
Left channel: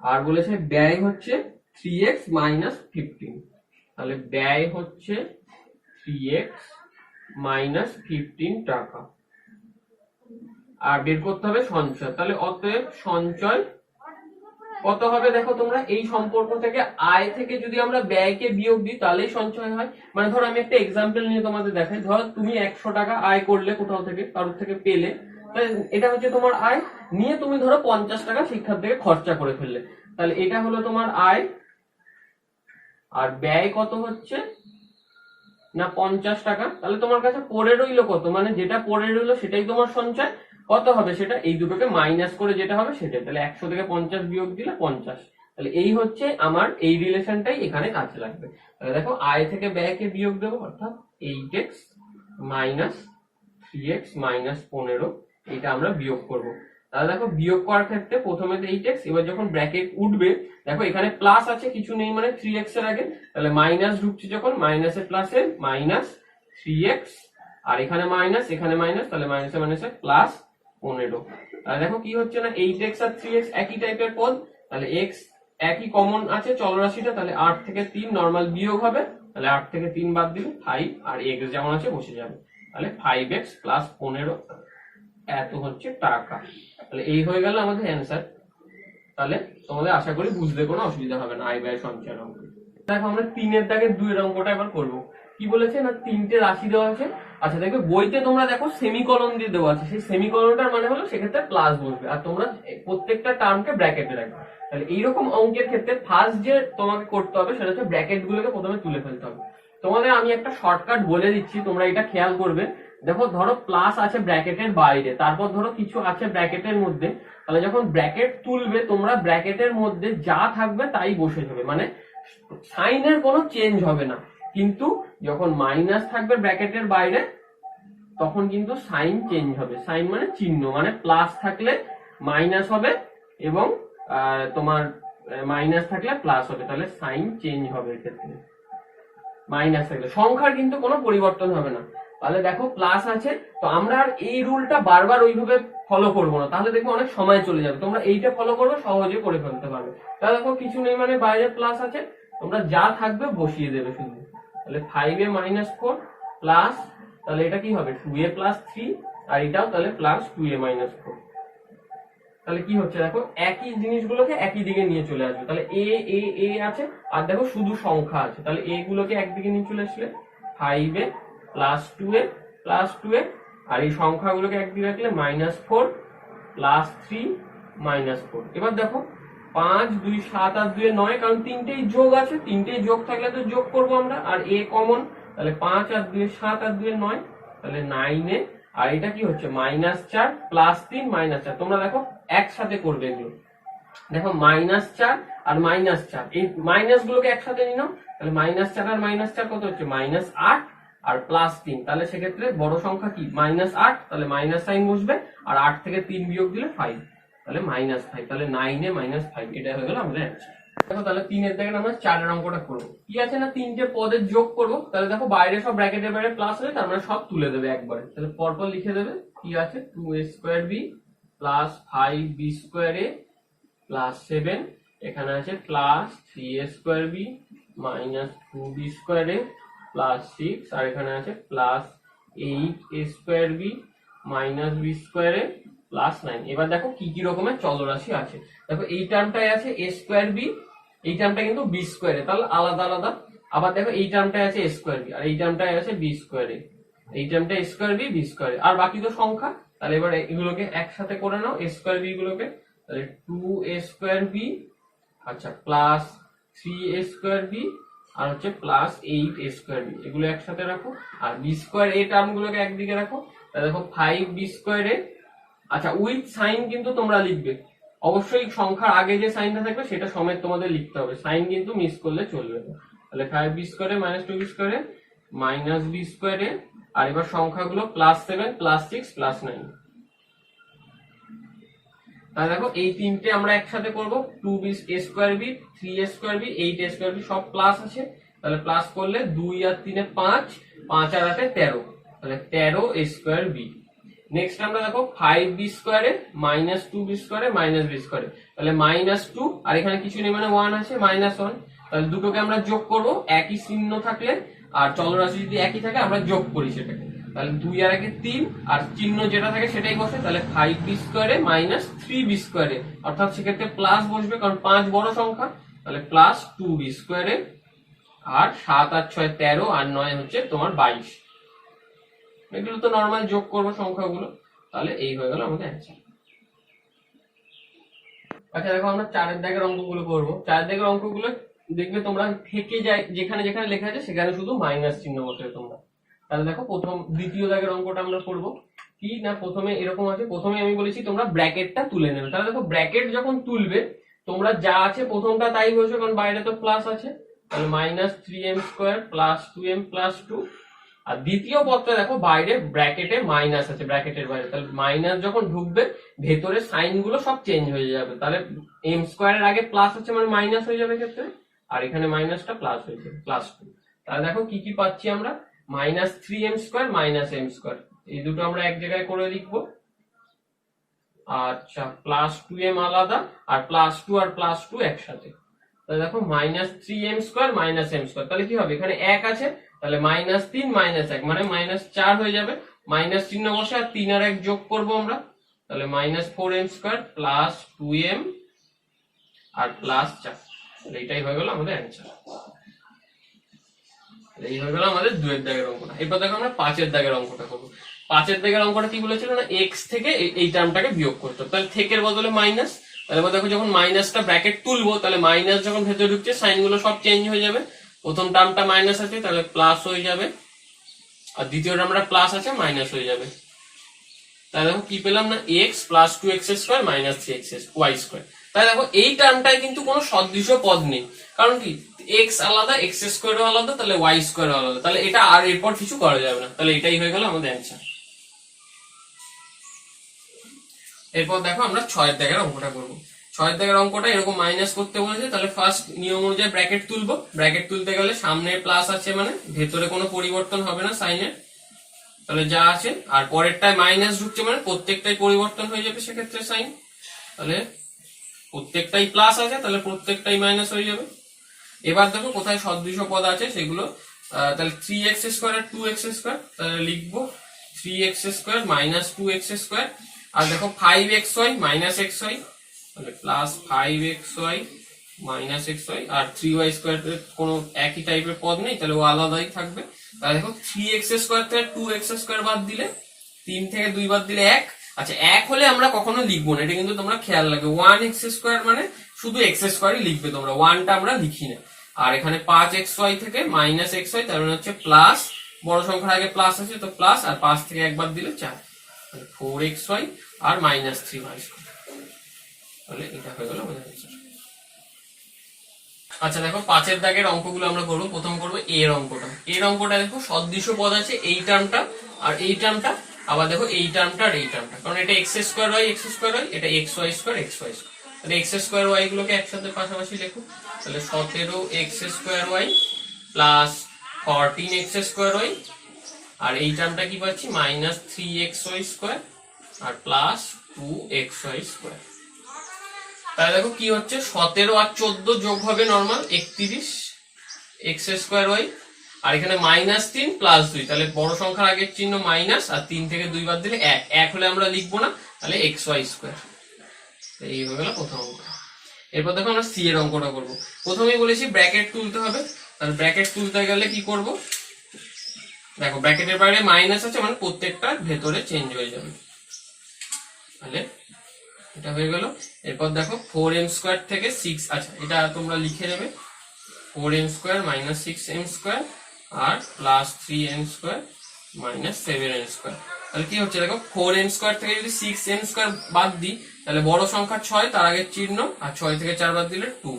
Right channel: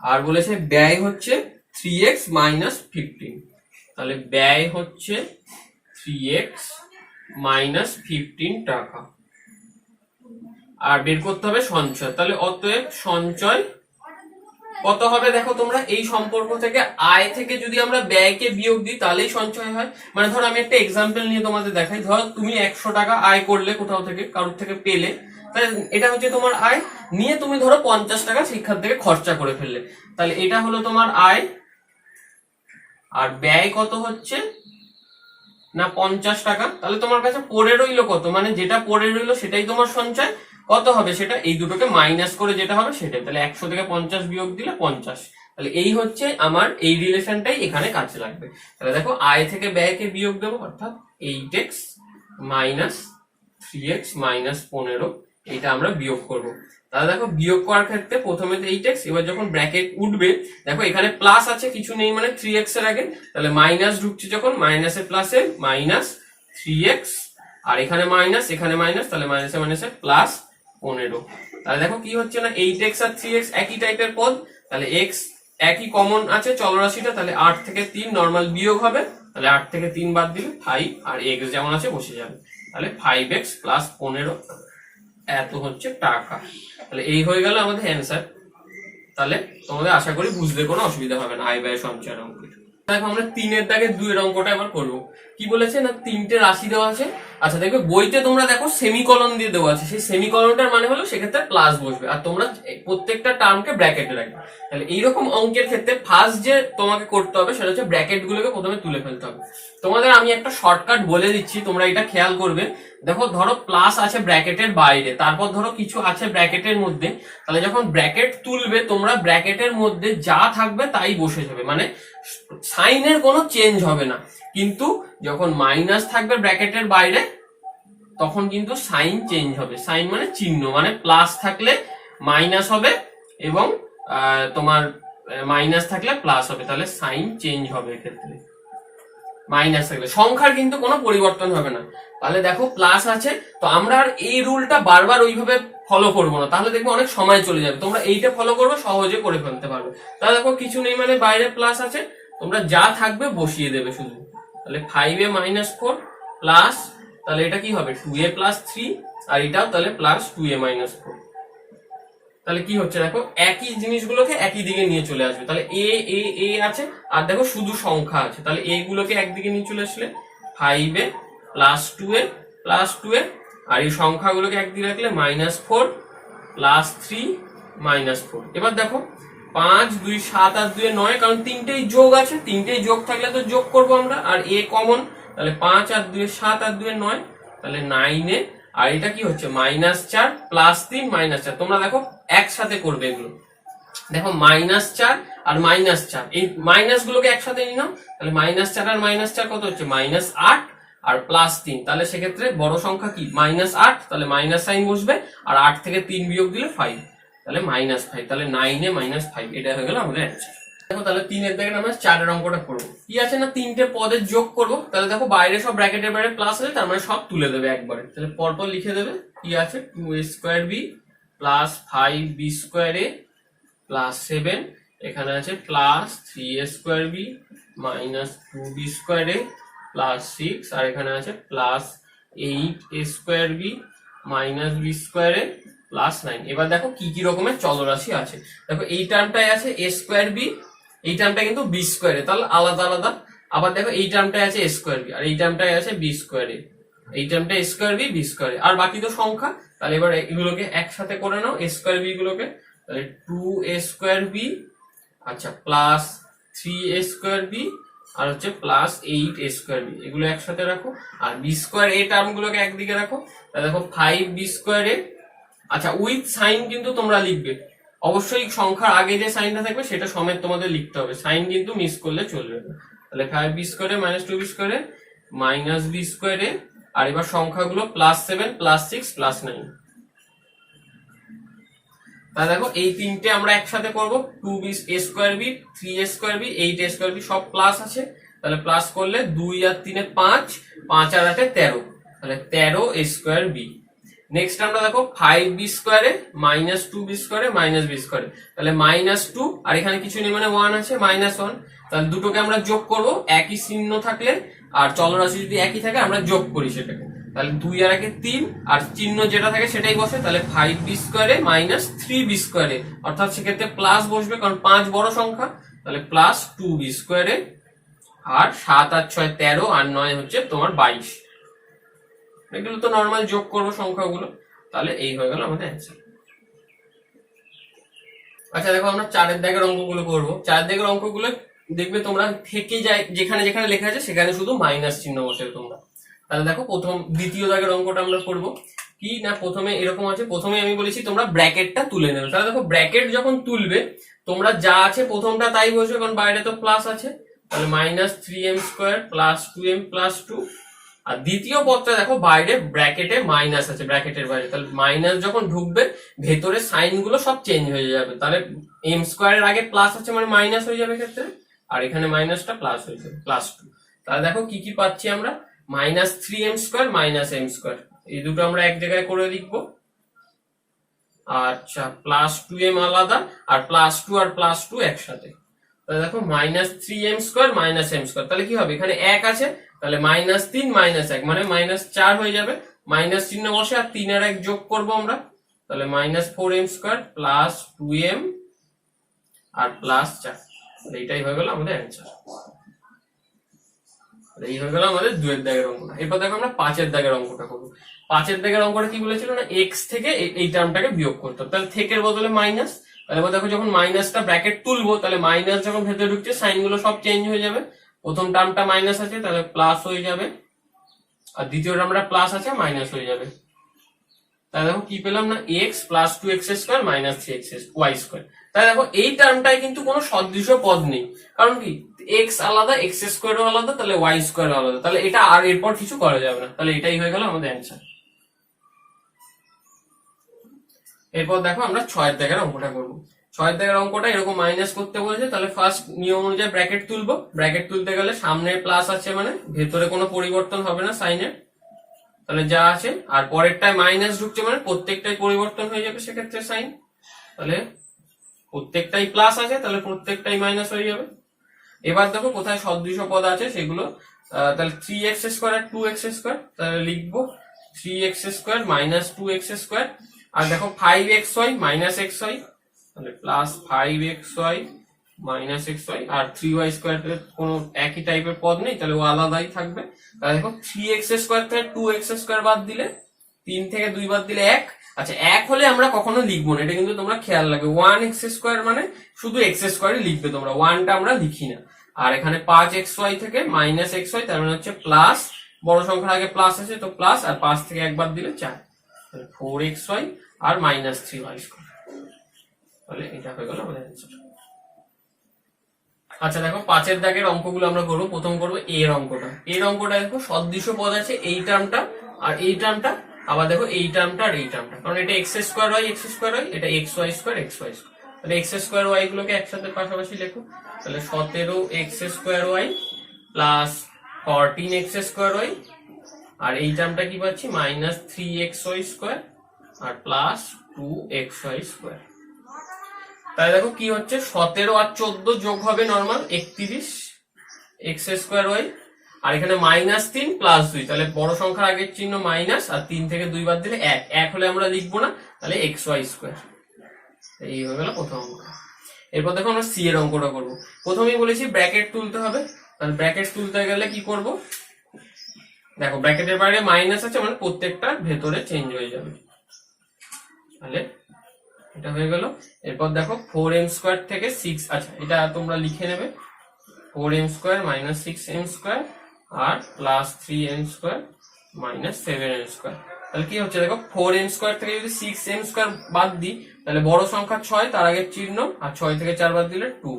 আর বলেছে ব্যয় হচ্ছে 3x - 15। তাহলে ব্যয় হচ্ছে 3x - 15 টাকা, আর বের করতে হবে সঞ্চয়। তাহলে অতএব সঞ্চয় কত হবে? দেখো তোমরা এই সম্পর্ক থেকে আয় থেকে যদি আমরা ব্যয়কে বিয়োগ দিই তাহলেই সঞ্চয় হয়। মানে ধর আমি একটা এক্সাম্পল নিয়ে তোমাদের দেখাই। ধর তুমি 100 টাকা আয় করলে কোথাও থেকে, কারোর থেকে পেলে, তাহলে এটা হচ্ছে তোমার আয়, নিয়ে তুমি ধরো 50 টাকা শিক্ষার থেকে খরচা করে ফেললে, তাহলে এটা হলো তোমার আয়। আর ব্যয় কত হচ্ছে না 50 টাকা। তাহলে তোমার কাছে পড়ে রইলো কত, মানে যেটা পড়ে রইলো সেটাই তোমার সঞ্চয়। কত হবে সেটা? এই দুটোকে মাইনাস করে যেটা হবে সেটাই। তাহলে 100 থেকে 50 বিয়োগ দিলে 50। তাহলে এই হচ্ছে আমার এই রিলেশনটাই এখানে কাজে লাগবে। তাহলে দেখো আয় থেকে ব্যয়কে বিয়োগ দেবো, অর্থাৎ 8x - 3x - 15, এটা আমরা বিয়োগ করব। তাহলে দেখো বিয়োগ করার ক্ষেত্রে প্রথমে 8x, এবার যখন ব্র্যাকেট উঠবে দেখো এখানে প্লাস আছে, কিছু নেই মানে 3x এর আগে, তাহলে মাইনাস ঢুকছে যখন, মাইনাসে প্লাসে -3x, আর এখানে মাইনাস এখানে মাইনাস, তাহলে মাইনাসে মাইনাসে +15। তাহলে দেখো কি হচ্ছে না 8x আর 3x একই টাইপের পদ, তাহলে x একই কমন আছে চলরাশিটা, তাহলে 8 থেকে 3 নরমাল বিয়োগ হবে, তাহলে 8 থেকে 3 বাদ দিলে 5, আর x যেমন আছে বসে যাবে, তাহলে 5x + 15 এত হচ্ছে টাকা। তাহলে এই হয়ে গেল আমাদের অ্যানসার। তাহলে তোমাদের আশা করি বুঝতে কোনো অসুবিধা হবে না আয় ব্যয় সঞ্চয়ের অঙ্ক। দেখো আমরা 3 এর দাগে 2 এর অঙ্কটা এবার করব। কি বলেছে না 3টে রাশি দেওয়া আছে। আচ্ছা দেখো বইতে তোমরা দেখো সেমিকলন দিয়ে দেওয়া আছে, সেই সেমিকলনটার মানে হলো সেক্ষেত্রে প্লাস বসবে, আর তোমরা প্রত্যেকটা টার্মকে ব্র্যাকেটে রাখবে। তাহলে এইরকম অঙ্কের ক্ষেত্রে ফার্স্ট যে তোমাকে করতে হবে সেটা হচ্ছে ব্র্যাকেট গুলোকে প্রথমে তুলে ফেলতে হবে। তোমাদের আমি একটা শর্টকাট বলে দিচ্ছি, তোমরা এটা খেয়াল করবে। দেখো ধরো প্লাস আছে ব্র্যাকেটের বাইরে, তারপর ধরো কিছু আছে ব্র্যাকেটের মধ্যে, তাহলে যখন ব্র্যাকেট তুলবে তোমরা ব্র্যাকেটের মধ্যে যা থাকবে তাই বসে যাবে, মানে সাইনের কোনো চেঞ্জ হবে না। কিন্তু যখন মাইনাস থাকবে ব্র্যাকেটের বাইরে তখন কিন্তু সাইন চেঞ্জ হবে। সাইন মানে চিহ্ন, মানে প্লাস থাকলে মাইনাস হবে এবং তোমার মাইনাস থাকলে প্লাস হবে, তাহলে সাইন চেঞ্জ হবে এক্ষেত্রে। মাইনাস থাকলে সংখ্যার কিন্তু কোনো পরিবর্তন হবে না। তাহলে দেখো প্লাস আছে, তো আমরা আর এই রুলটা বারবার ওইভাবে ফলো করবো না, তাহলে দেখবো অনেক সময় চলে যাবে। তোমরা এইটা ফলো করবে, সহজে করে ফেলতে পারবে। তাহলে দেখো কিছু নেই মানে বাইরে প্লাস আছে, তোমরা যা থাকবে বসিয়ে দেবে শুধু। তাহলে 5a - 4 প্লাস, তাহলে এটা কি হবে 2a + 3, আর এটাও তাহলে প্লাস 2a - 4। তাহলে কি হচ্ছে দেখো একই জিনিসগুলোকে একই দিকে নিয়ে চলে আসবে। তাহলে এ এ এ আছে, আর দেখো শুধু সংখ্যা আছে, তাহলে এগুলোকে একদিকে নিয়ে চলে আসলে 5a +2a +2a, আর এই সংখ্যাগুলোকে একদিকে রাখলে -4 +3 -4। এবার দেখো 5 2 7 আর 2 9, কারণ তিনটেই যোগ আছে, তিনটেই যোগ থাকলে তো যোগ করবো আমরা, আর a কমন, তাহলে 5 আর 2 7 আর 2 9, তাহলে 9a। আর এটা কি হচ্ছে -4 +3 -4। তোমরা দেখো একসাথে করবে এগুলো, দেখো -4 আর -4, এই মাইনাস গুলোকে একসাথে নিলাম, তাহলে -4 আর -4 কত হচ্ছে -8 আর +3, তাহলে সেক্ষেত্রে বড় সংখ্যা কি -8, তাহলে মাইনাস সাইন বসবে, আর 8 থেকে 3 বিয়োগ দিলে 5, তাহলে -5, তাহলে 9a -5, এটা হয়ে গেল আমাদের অ্যান্সার। দেখো তাহলে 3 এর দাগে আমরা 4 এর অঙ্কটা করবো। কি আছে না, তিনটে পদের যোগ করব, তাহলে দেখো বাইরে সব ব্র্যাকেটের বাইরে প্লাস আছে, তার মানে সব তুলে দেবে একবারে, তাহলে পরপর লিখে দেবে। কি আছে, 2a² b +5b² a +7, এখানে আছে +3a² b -2b² a +6, আর এখানে আছে +8a² b -b² a +9। এবার দেখো কি কি রকমের চলরাশি আছে। দেখো এই টার্মটায় আছে a² b, এই টার্মটা কিন্তু b² a, তাহলে আলাদা আলাদা। আবার দেখো এই টার্মটায় আছে a² b, আর এই টার্মটায় আছে b² a, এই টার্মটা a² b b², আর বাকি তো সংখ্যা। তাহলে এবার এগুলোকে একসাথে করে নাও, a² b গুলোকে, তাহলে 2a² b, আচ্ছা +3a² b, আর হচ্ছে +8a² b, এগুলো একসাথে রাখো। আর b² a টার্ম গুলোকে একদিকে রাখো, তাহলে দেখো 5b² a, আচ্ছা উইথ সাইন কিন্তু তোমরা লিখবে, অবশ্যই সংখ্যার আগে যে সাইনটা থাকবে সেটা সমেত তোমাদের লিখতে হবে, সাইন কিন্তু মিস করলে চলবে না। তাহলে 5b² a -2b² a -b² a, আর এবার সংখ্যাগুলো +7 +6 +9। তাহলে দেখো এই তিনটে আমরা একসাথে করব, 2a² b 3a² b 8a² b, সব প্লাস আছে, তাহলে প্লাস করলে 2 আর 3 এ 5, 5 আর 8 এ 13, তাহলে 13a² b। নেক্সট আমরা দেখো 5b² a -2b² a -b², তাহলে -2, আর এখানে কিছু নেই মানে 1 আছে, -1, তাহলে দুটোকে আমরা যোগ করব, একই চিহ্ন থাকলে আর চলরাশি যদি একই থাকে আমরা যোগ করি সেটাকে, তাহলে 2 আর 1 এ 3, আর চিহ্ন যেটা থাকে সেটাই বসে, তাহলে 5b² a -3b² a, অর্থাৎ সেক্ষেত্রে প্লাস বসবে কারণ 5 বড় সংখ্যা, তাহলে +2b² a, আর 7 আর 6 13, আর 9 হচ্ছে তোমার 22। এগুলো তো নরমাল যোগ করবো সংখ্যাগুলো, তাহলে এই হয়ে গেল আমাদের অ্যান্সার। আচ্ছা দেখো আমরা 4 এর দাগের অঙ্কগুলো করবো। 4 এর দাগের অঙ্কগুলো দেখবে তোমরা থেকে যায়, যেখানে যেখানে লেখা আছে সেখানে শুধু মাইনাস চিহ্ন বসে তোমরা। তাহলে দেখো দ্বিতীয় দাগের অঙ্কটা আমরা করবো। কি না, প্রথমে এরকম আছে, প্রথমে আমি বলেছি তোমরা ব্র্যাকেটটা তুলে নেবে। তাহলে দেখো ব্র্যাকেট যখন তুলবে তোমরা যা আছে প্রথমটা তাই বসবে, কারণ বাইরে তো প্লাস আছে, তাহলে -3m² +2m +2, আর দ্বিতীয় পদটা দেখো বাইরে ব্র্যাকেটে মাইনাস আছে, ব্র্যাকেটের বাইরে, তাহলে মাইনাস যখন ঢুকবে ভেতরে সাইন গুলো সব চেঞ্জ হয়ে যাবে, তাহলে m² এর আগে প্লাস আছে মানে মাইনাস হয়ে যাবে ক্ষেত্রে, আর এখানে মাইনাসটা প্লাস হয়ে যাবে +2। তাহলে দেখো কি কি পাচ্ছি আমরা, -3m² -m², এই দুটো আমরা এক জায়গায় করে লিখবো। আচ্ছা +2m আলাদা, আর +2 আর +2 একসাথে, তাহলে দেখো -3m² -m², তাহলে কি হবে, এখানে 1 আছে, তাহলে -3 -1 মানে -4 হয়ে যাবে, মাইনাস চিহ্ন বসে আর 3 আর 1 যোগ করবো আমরা, তাহলে -4m² +2m আর +4, তাহলে এটাই হয়ে গেল আমাদের অ্যান্সার। এই হয়ে গেল আমাদের 2 এর দাগের অঙ্কটা। এরপর দেখো আমরা 5 এর দাগের অঙ্কটা করবো। 5 এর দাগের অঙ্কটা কি বলেছিল না, x থেকে এই টার্মটাকে বিয়োগ করতে হবে, তাহলে থেকের বদলে মাইনাস, তাহলে এবার দেখো যখন মাইনাসটা ব্র্যাকেট তুলবো তাহলে মাইনাস যখন ভেতরে ঢুকছে সাইন গুলো সব চেঞ্জ হয়ে যাবে, প্রথম টার্মটা মাইনাস আছে তাহলে প্লাস হয়ে যাবে, আর দ্বিতীয় টার্মটা প্লাস আছে মাইনাস হয়ে যাবে। তাহলে দেখো কি পেলাম না, x +2x² -3y²। তাহলে দেখো এই টার্মটায় কিন্তু কোনো সদৃশ পদ নেই, কারণ কি x আলাদা, x² আলাদা, তাহলে y² আলাদা, তাহলে এটা আর এরপর কিছু করা যাবে না, তাহলে এটাই হয়ে গেল আমাদের অ্যান্সার। এরপর দেখো আমরা 6 এর দাগের অঙ্কটা করবো। 6 এর দাগের অঙ্কটা এরকম মাইনাস করতে বলেছে, তাহলে ফার্স্ট নিয়ম অনুযায়ী ব্র্যাকেট তুলবো, ব্র্যাকেট তুলতে গেলে সামনে প্লাস আছে মানে ভেতরে কোনো পরিবর্তন হবে না সাইনের, তাহলে যা আছে, আর পরেরটায় মাইনাস ঢুকছে মানে প্রত্যেকটাই পরিবর্তন হয়ে যাবে সেক্ষেত্রে সাইন, তাহলে প্রত্যেকটাই প্লাস আছে তাহলে প্রত্যেকটাই মাইনাস হয়ে যাবে। এবার দেখো কোথায় সদৃশ পদ আছে সেগুলো, তাহলে 3x² আর 2x², তাহলে লিখবো 3x² -2x², আর দেখো 5xy -xy, তাহলে +5xy মাইনাস এক্স ওয়াই, আর 3y স্কোয়ার কোনো একই টাইপের পদ নেই, তাহলে ও আলাদাই থাকবে। তাহলে দেখো 3x স্কোয়ার থেকে 2x স্কোয়ার বাদ দিলে, 3 থেকে 2 বাদ দিলে 1। আচ্ছা, 1 হলে আমরা কখনো লিখবো না, এটা কিন্তু তোমরা খেয়াল রাখবে। 1x স্কোয়ার মানে শুধু x স্কোয়ারই লিখবে তোমরা, 1টা আমরা লিখি না। আর এখানে 5xy থেকে মাইনাস xy, তার মানে হচ্ছে প্লাস, বড় সংখ্যার আগে প্লাস আছে তো প্লাস, আর 5 থেকে 1 বাদ দিলে 4, 4xy আর মাইনাস 3y স্কোয়ার। তাহলে এটা হয়ে গেল আমাদের অ্যান্সার। আচ্ছা দেখো 5 দাগের অঙ্কগুলো আমরা করবো। প্রথম করবো এর অঙ্কটা। এর অঙ্কটা দেখো সদৃশ পদ আছে এই টার্মটা আর এই টার্মটা, আবার দেখো এই টার্মটা আর এই টার্মটা, কারণ এটা এক্স স্কোয়ার ওয়াই এটা এক্স ওয়াই স্কোয়ার। তাহলে এক্স স্কোয়ার ওয়াই গুলোকে একসাথে পাশাপাশি লেখো। তাহলে 17x square y plus 14x square y, আর এই টার্মটা কি পাচ্ছি মাইনাস 3xy স্কোয়ার আর প্লাস 2xy স্কোয়ার। তাহলে দেখো কি হচ্ছে, 17 আর 14 যোগ হবে নর্মাল 31 এক্স স্কোয়ার ওয়াই, আর এখানে মাইনাস 3 প্লাস 2, তাহলে বড় সংখ্যার আগের চিহ্ন মাইনাস, আর 3 থেকে 2 বাদ দিলে 1, 1 হলে আমরা লিখবো না, তাহলে এক্স ওয়াই স্কোয়ার। এই হয়ে গেল প্রথম অঙ্ক। এরপর দেখো আমরা সি এর অঙ্কটা করবো। প্রথমেই বলেছি ব্র্যাকেট তুলতে হবে, তাহলে ব্র্যাকেট তুলতে গেলে কি করব, দেখো ব্র্যাকেটের বাইরে মাইনাস আছে মানে প্রত্যেকটা ভেতরে চেঞ্জ হয়ে যাবে। তাহলে এটা হয়ে গেল। এরপর দেখো 4m স্কোয়ার থেকে 6, আচ্ছা এটা তোমরা লিখে নেবে, 4m square minus 6m square আর plus 3m square minus 7m square. তাহলে কি হচ্ছে দেখো, 4m স্কোয়ার থেকে যদি 6m স্কোয়ার বাদ দিই, তাহলে বড় সংখ্যা 6 তার আগের চিহ্ন, আর 6 থেকে 4 বাদ দিলে 2,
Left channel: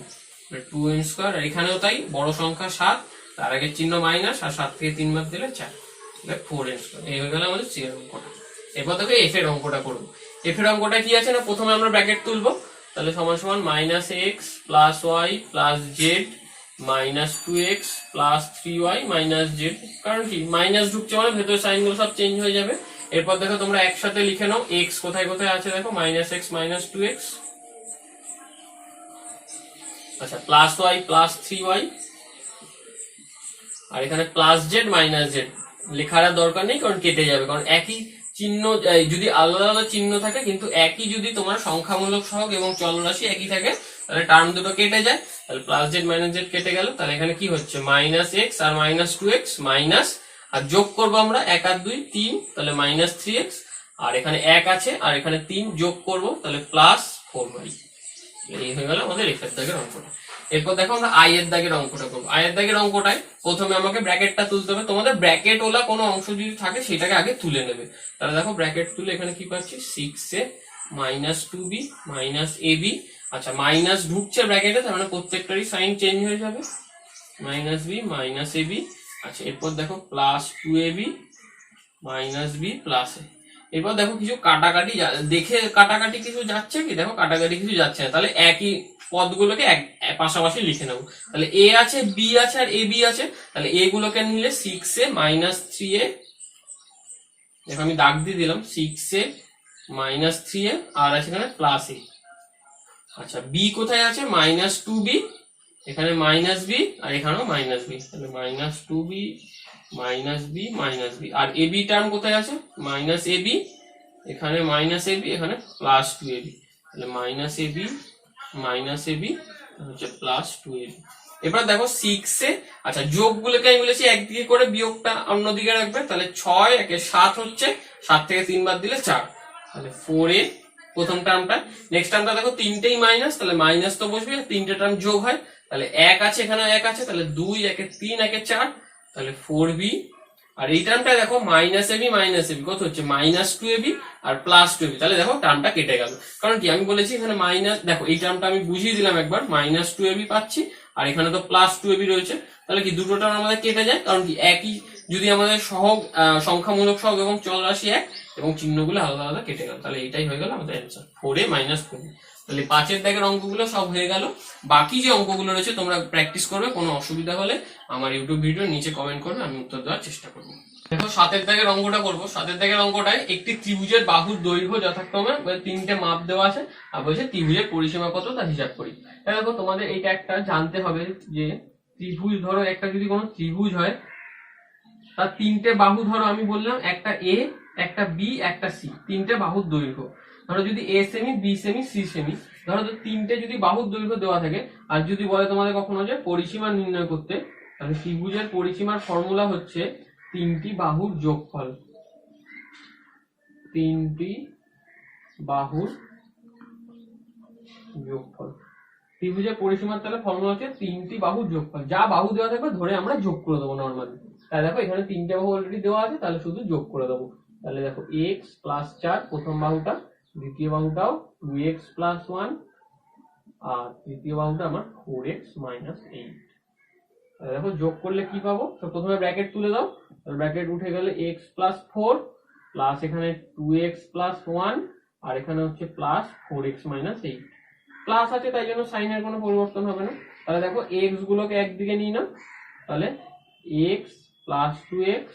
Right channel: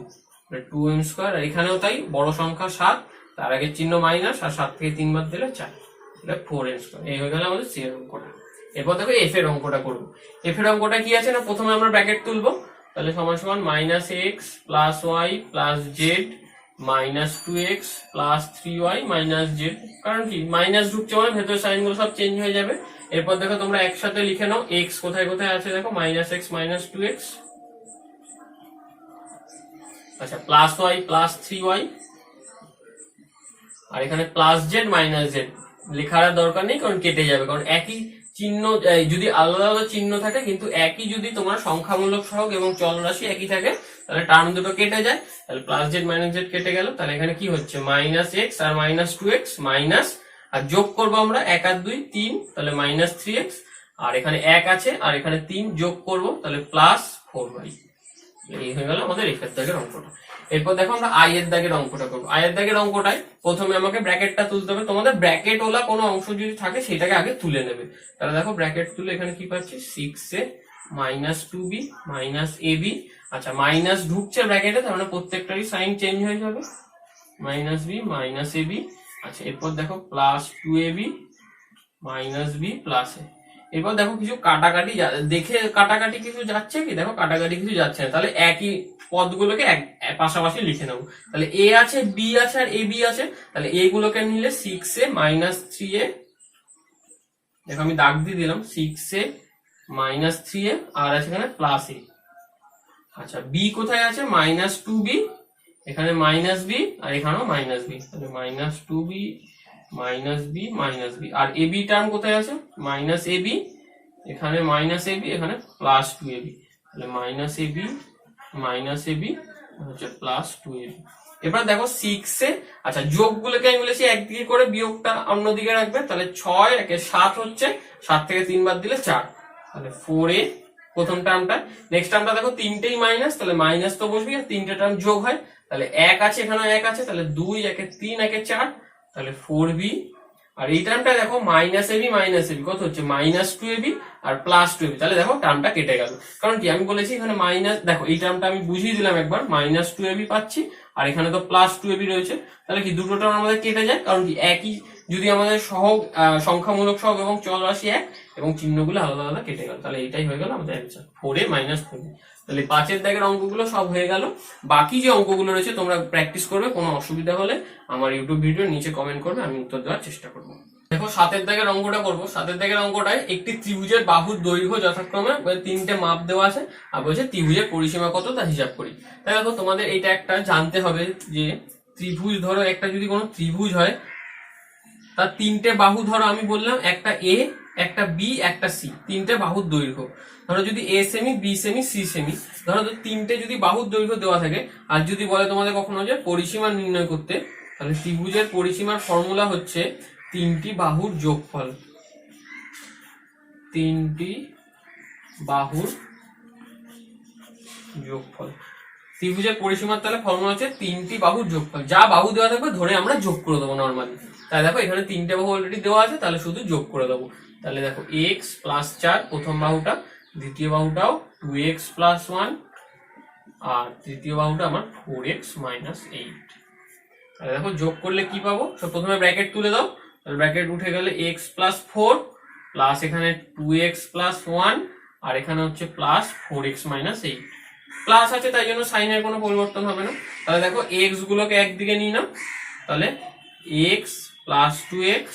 2m স্কোয়ার। আর এখানেও তাই, বড় সংখ্যা 7 তার আগের চিহ্ন মাইনাস, আর 7 থেকে 3 বাদ দিলে 4, তাহলে 4m স্কোয়ার। এই হয়ে গেল আমাদের সি এর অঙ্কটা। এরপর দেখো এফ এর অঙ্কটা করবো। এফ এর অঙ্কটা কি আছে না, প্রথমে আমরা ব্র্যাকেট তুলবো, তাহলে সমান সমান minus x plus y plus z minus 2x plus 3y minus z, কারণ কি মাইনাস ঢুকছে মানে ভেতরের সাইন গুলো সব চেঞ্জ হয়ে যাবে। এরপর দেখো তোমরা একসাথে লিখে নাও, এক্স কোথায় কোথায় আছে দেখো, মাইনাস এক্স মাইনাস 2x, আচ্ছা প্লাস ওয়াই প্লাস 3y, আর এখানে প্লাস জেড মাইনাস জেড লেখার দরকার নেই, কারণ কেটে যাবে, কারণ একই চিহ্ন যদি আলাদা আলাদা চিহ্ন থাকে, কিন্তু একই যদি তোমার সংখ্যামূলক সহগ এবং চলরাশি একই থাকে, তাহলে টার্ম দুটো কেটে যায়। তাহলে প্লাস জেড মাইনাস জেড কেটে গেল। তাহলে এখানে কি হচ্ছে মাইনাস এক্স আর মাইনাস 2x মাইনাস, আর যোগ করবো আমরা 1 আর 2 3, তাহলে মাইনাস 3x, আর এখানে 1 আছে আর এখানে 3 যোগ করবো, তাহলে প্লাস 4y। এই হয়ে গেল আমাদের এফ এর দাগের অঙ্কটা। এরপর দেখো আমরা আই এর দাগের অঙ্কটা করবো। আই এর দাগের অঙ্কটায় প্রথমে আমাকে ব্র্যাকেটটা তুলতে হবে। তোমাদের ব্র্যাকেট ওলা কোনো অংশ যদি থাকে সেটাকে আগে তুলে নেবে। তাহলে দেখো ব্র্যাকেট তুলে এখানে কি পাচ্ছি, 6a minus 2b minus ab, আচ্ছা মাইনাস ঢুকছে ব্র্যাকেটে, তার মানে প্রত্যেকটারই সাইন চেঞ্জ হয়ে যাবে, মাইনাস b মাইনাস ab। আচ্ছা এরপর দেখো plus 2ab minus b plus a। এরপর দেখো কিছু কাটাকাটি, দেখে কাটাকাটি কিছু যাচ্ছে কি, দেখো কাটাকাটি কিছু যাচ্ছে না, তাহলে একই পদগুলোকে পাশাপাশি লিখে নেবো। তাহলে এ আছে, বি আছে আর এ বি আছে, তাহলে এ গুলোকে নিলে 6a মাইনাস 3a, দেখো আমি দাগ দিয়ে দিলাম 6a মাইনাস 3a, আর আছে এখানে প্লাস a। আচ্ছা বি কোথায় আছে, মাইনাস 2b, এখানে মাইনাস b আর এখানেও মাইনাস b, তাহলে minus 2b minus b minus b। R A B term কোথায় আছে, মাইনাস এ বি, এখানে মাইনাস এ বি, এখানে প্লাস 2ab, তাহলে minus A B minus A B হচ্ছে প্লাস 2ab। এবার দেখো 6a, আচ্ছা যোগগুলোকে আমি বলেছি একদিকে করে, বিয়োগটা অন্যদিকে রাখবে, তাহলে 6 একে 7 হচ্ছে, 7 থেকে 3 বাদ দিলে 4, তাহলে 4a প্রথম টার্মটা। নেক্সট টার্মটা দেখো তিনটেই মাইনাস, তাহলে মাইনাস তো বসবে, আর তিনটে টার্ম যোগ হয়, তাহলে 1 আছে এখানেও 1 আছে, তাহলে 2 একে 3 একে 4, তাহলে 4b। আর এই টার্মটা দেখো মাইনাস এবি কত হচ্ছে, মাইনাস 2ab আর প্লাস 2ab, তাহলে দেখো টার্মটা কেটে গেল, কারণ কি আমি বলেছি এখানে মাইনাস, দেখো এই টার্মটা আমি বুঝিয়ে দিলাম একবার, মাইনাস 2ab পাচ্ছি, আর এখানে তো প্লাস 2ab রয়েছে, তাহলে কি দুটো টার্ম আমাদের কেটে যায়, কারণ কি একই যদি আমাদের সহগ সংখ্যামূলক সহগ এবং চলরাশি এক, এবং চিহ্নগুলো আলাদা আলাদা কেটে গেল, তাহলে এটাই হয়ে গেল আমাদের অ্যান্সার 4a মাইনাস 4b। তাহলে 5 দাগের অঙ্কগুলো সব হয়ে গেল। বাকি যে অঙ্কগুলো রয়েছে তোমরা প্র্যাকটিস করবে, কোনো অসুবিধা হলে আমার ইউটিউব ভিডিওর নিচে কমেন্ট করবে, আমি উত্তর দেওয়ার চেষ্টা করবো। দেখো 7 দাগের অঙ্কটা করবো। 7 দাগের অঙ্কটায় একটি ত্রিভুজের বাহুর দৈর্ঘ্য যথাক্রমে 3টে মাপ দেওয়া আছে, আর বলছে ত্রিভুজের পরিসীমা কত তা হিসাব করি। তাই দেখো তোমাদের এটা একটা জানতে হবে যে ত্রিভুজ, ধরো একটা যদি কোনো ত্রিভুজ হয়, তার 3টে বাহু, ধরো আমি বললাম একটা এ একটা বি একটা সি, 3টে বাহুর দৈর্ঘ্য। ধরো যদি এ সেমি, বি সেমি, সি সেমি, ধরো তিনটে যদি বাহুর দৈর্ঘ্য দেওয়া থাকে, আর যদি বলে তোমাদের কখনো যে পরিসীমা নির্ণয় করতে, তাহলে ত্রিভুজের পরিসীমার ফর্মুলা হচ্ছে তিনটি বাহুর যোগফল। তিনটি বাহুর যোগফল। ত্রিভুজের পরিসীমার তাহলে ফর্মুলা হচ্ছে তিনটি বাহুর যোগফল। যা বাহু দেওয়া থাকবে ধরে আমরা যোগ করে দেবো নর্মালি। তাই দেখো এখানে তিনটে বাহু অলরেডি দেওয়া আছে, তাহলে শুধু যোগ করে দেবো। তাহলে দেখো এক্স প্লাস 4 প্রথম বাহুটা, দ্বিতীয় বাহুটাও 2x প্লাস 1, আর তৃতীয় বাহুটা আমার 4x মাইনাস 8। তাহলে দেখো যোগ করলে কি পাবো, সব প্রথমে ব্র্যাকেট তুলে দাও, তাহলে ব্র্যাকেট উঠে গেলে x প্লাস 4 প্লাস এখানে 2x প্লাস 1, আর এখানে হচ্ছে প্লাস 4x মাইনাস 8। প্লাস আছে তাই জন্য সাইনের কোনো পরিবর্তন হবে না। তাহলে দেখো এক্স গুলোকে একদিকে নিয়ে নাও, তাহলে x plus 2x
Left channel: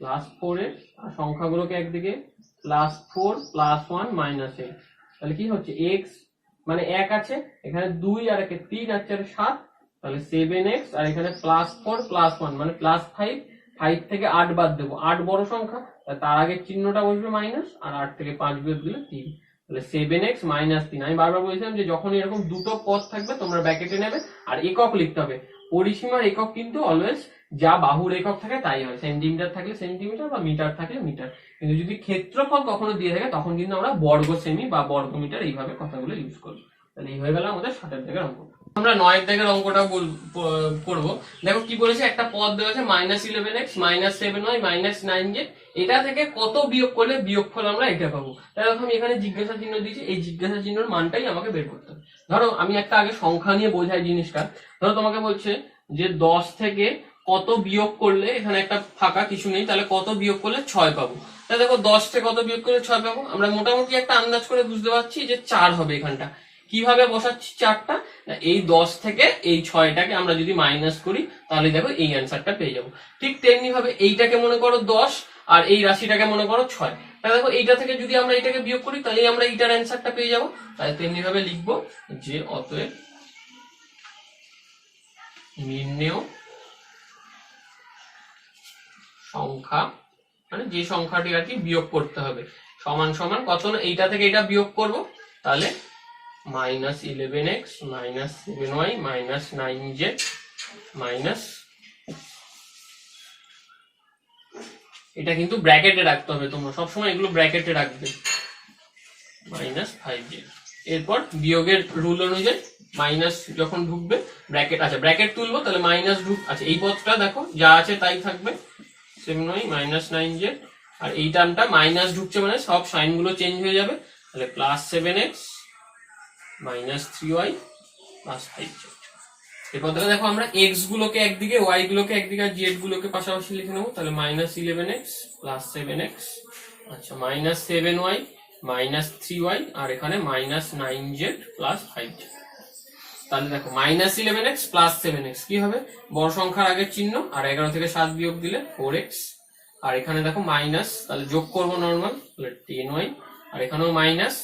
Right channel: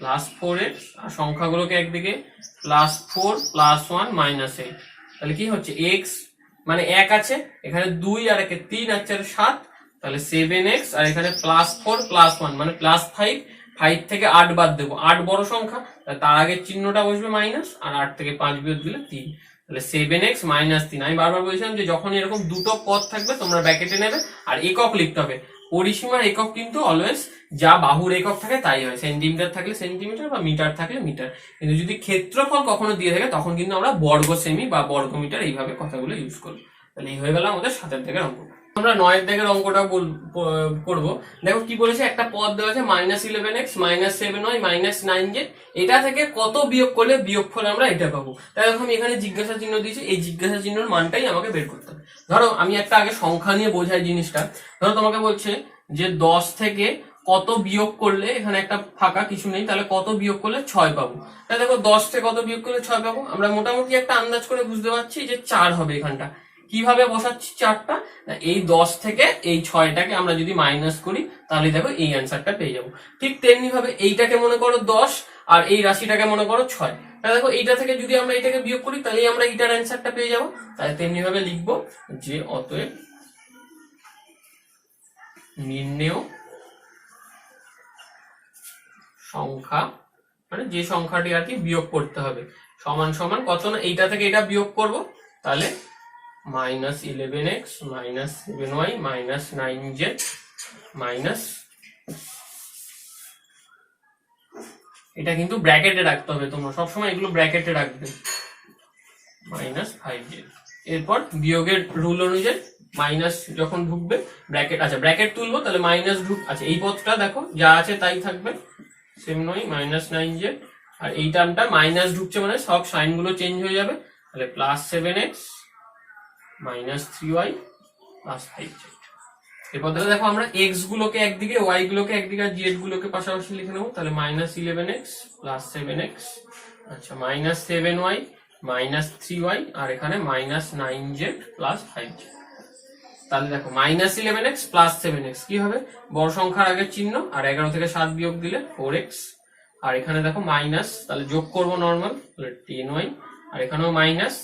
plus 4x, আর সংখ্যাগুলোকে একদিকে প্লাস 4 প্লাস 1 মাইনাস 8। তাহলে কি হচ্ছে x মানে 1 আছে, এখানে 2 আর 1 3 আর 4 7, তাহলে 7x, আর এখানে প্লাস 4 প্লাস 1 মানে প্লাস 5, 5 থেকে 8 বাদ দেবো, 8 বড় সংখ্যা, তার আগের চিহ্নটা বসবে মাইনাস, আর 8 থেকে 5 বিয়োগ দিলে 3, তাহলে 7x মাইনাস 3। আমি বারবার বলছিলাম যে যখন এরকম দুটো পদ থাকবে তোমরা ব্র্যাকেটে নেবে, আর একক লিখতে হবে। পরিসীমার একক কিন্তু অলওয়েজ যা বাহুর একক থাকে তাই হয়, সেন্টিমিটার থাকলে সেন্টিমিটার বা মিটার থাকলে মিটার। কিন্তু যদি ক্ষেত্রফল কখনো দিয়ে থাকে তখন কিন্তু আমরা বর্গ সেমি বা বর্গ মিটার এইভাবে কথাগুলো ইউজ করবো। তাহলে এই হয়ে গেল আমাদের 7 দাগের অঙ্ক। আমরা 9 দাগের অঙ্কটা করবো। দেখো কি বলেছে, একটা পদ দেওয়া আছে -11x -7y -9z, এটা থেকে কত বিয়োগ করলে বিয়োগফল আমরা এটা পাবো। তাই দেখো আমি এখানে জিজ্ঞাসা চিহ্ন দিয়েছি, এই জিজ্ঞাসা চিহ্নের মানটাই আমাকে বের করতে হবে। ধরো আমি একটা আগে সংখ্যা নিয়ে বোঝাই জিনিসটা। ধরো তোমাকে বলছে যে 10 থেকে কত বিয়োগ করলে, এখানে একটা ফাঁকা কিছু নেই, তাহলে কত বিয়োগ করলে 6 পাবো। তাহলে দেখো 10 থেকে কত বিয়োগ করলে 6 পাবো, আমরা মোটামুটি একটা আন্দাজ করে বুঝতে পারছি যে 4 হবে এখানটা। কিভাবে বসাচ্ছি 4টা, এই 10 থেকে এই 6টাকে আমরা যদি মাইনাস করি তাহলে দেখো এই অ্যান্সারটা পেয়ে যাবো। ঠিক তেমনি ভাবে এইটাকে মনে করো 10 আর এই রাশিটাকে মনে করো 6, তাহলে দেখো এইটা থেকে যদি আমরা এইটাকে বিয়োগ করি তাহলে আমরা এইটার অ্যান্সারটা পেয়ে যাবো। তাহলে তেমনি ভাবে লিখবো যে অতএব নির্ণেয় সংখ্যা, মানে যে সংখ্যাটি আর কি বিয়োগ করতে হবে, সমান সমান কত না, এইটা থেকে এটা বিয়োগ করব, তাহলে -11x -7y -9z মাইনাস, এটা কিন্তু ব্র্যাকেটে রাখতে হবে, তোমরা সবসময় এগুলো ব্র্যাকেটে রাখবে, -5z। এরপর বিয়োগের রুল অনুযায়ী মাইনাস যখন ঢুকবে ব্র্যাকেট, আচ্ছা ব্র্যাকেট তুলবো তাহলে মাইনাস আচ্ছা এই পদটা দেখো যা আছে তাই থাকবে 7y -9z, আর এই টার্মটা মাইনাস ঢুকছে মানে সব সাইন গুলো চেঞ্জ হয়ে যাবে, তাহলে +7x -3y +5z। এরপর দেখো আমরা x গুলোকে একদিকে, y গুলোকে একদিকে, আর z গুলোকে পাশাপাশি লিখে নেবো, তাহলে -11x +7x, আচ্ছা -7y -3y, আর এখানে -9z +5z। তাহলে দেখো -11x +7x কি হবে, বড় সংখ্যার আগের চিহ্ন, আর 11 থেকে 7 বিয়োগ দিলে 4x, আর এখানে দেখো মাইনাস, তাহলে যোগ করবো নর্মাল, তাহলে 10y, আর এখানেও মাইনাস,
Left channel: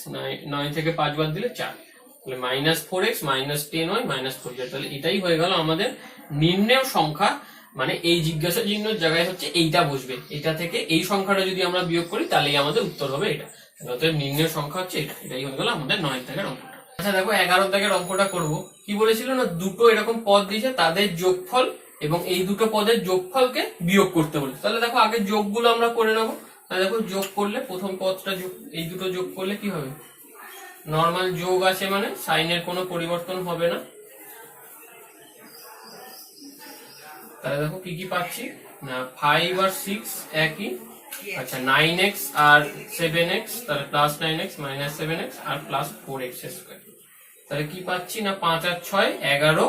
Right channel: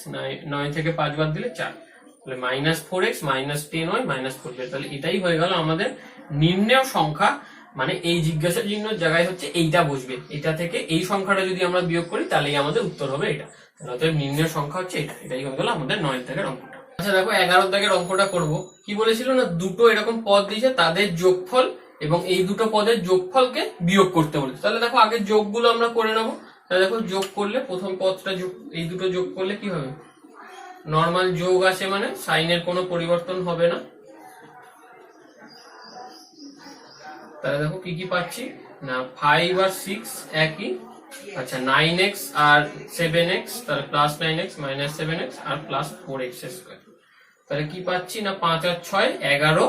9 থেকে 5 বাদ দিলে 4, তাহলে -4x -10y -4z। তাহলে এটাই হয়ে গেল আমাদের নির্ণেয় সংখ্যা, মানে এই জিজ্ঞাসা চিহ্নের জায়গায় হচ্ছে এইটা বসবে, এটা থেকে এই সংখ্যাটা যদি আমরা বিয়োগ করি তাহলেই আমাদের উত্তর হবে এটা। অতএব নির্ণেয় সংখ্যা হচ্ছে এটা। এটাই হয়ে গেল আমাদের 9 দাগের অঙ্কটা। আচ্ছা দেখো 11 দাগের অঙ্কটা করব। কি বলেছিল না, দুটো এরকম পদ দিয়েছে, তাদের যোগফল এবং এই দুটো পদের যোগফলকে বিয়োগ করতে বলেছে। তাহলে দেখো আগে যোগগুলো আমরা করে নেবো। তাহলে দেখো যোগ করলে প্রথম পদটা যোগ, এই দুটো যোগ করলে কি হবে, নর্মাল যোগ আসে মানে সাইনের কোনো পরিবর্তন হবে না। তাহলে দেখো কি কি পাচ্ছি না, 5 আর 6 একই, আচ্ছা 9x আর 7x, তাহলে +9x -7x আর +4x²। তাহলে কি পাচ্ছি না, 5 আর 6 11,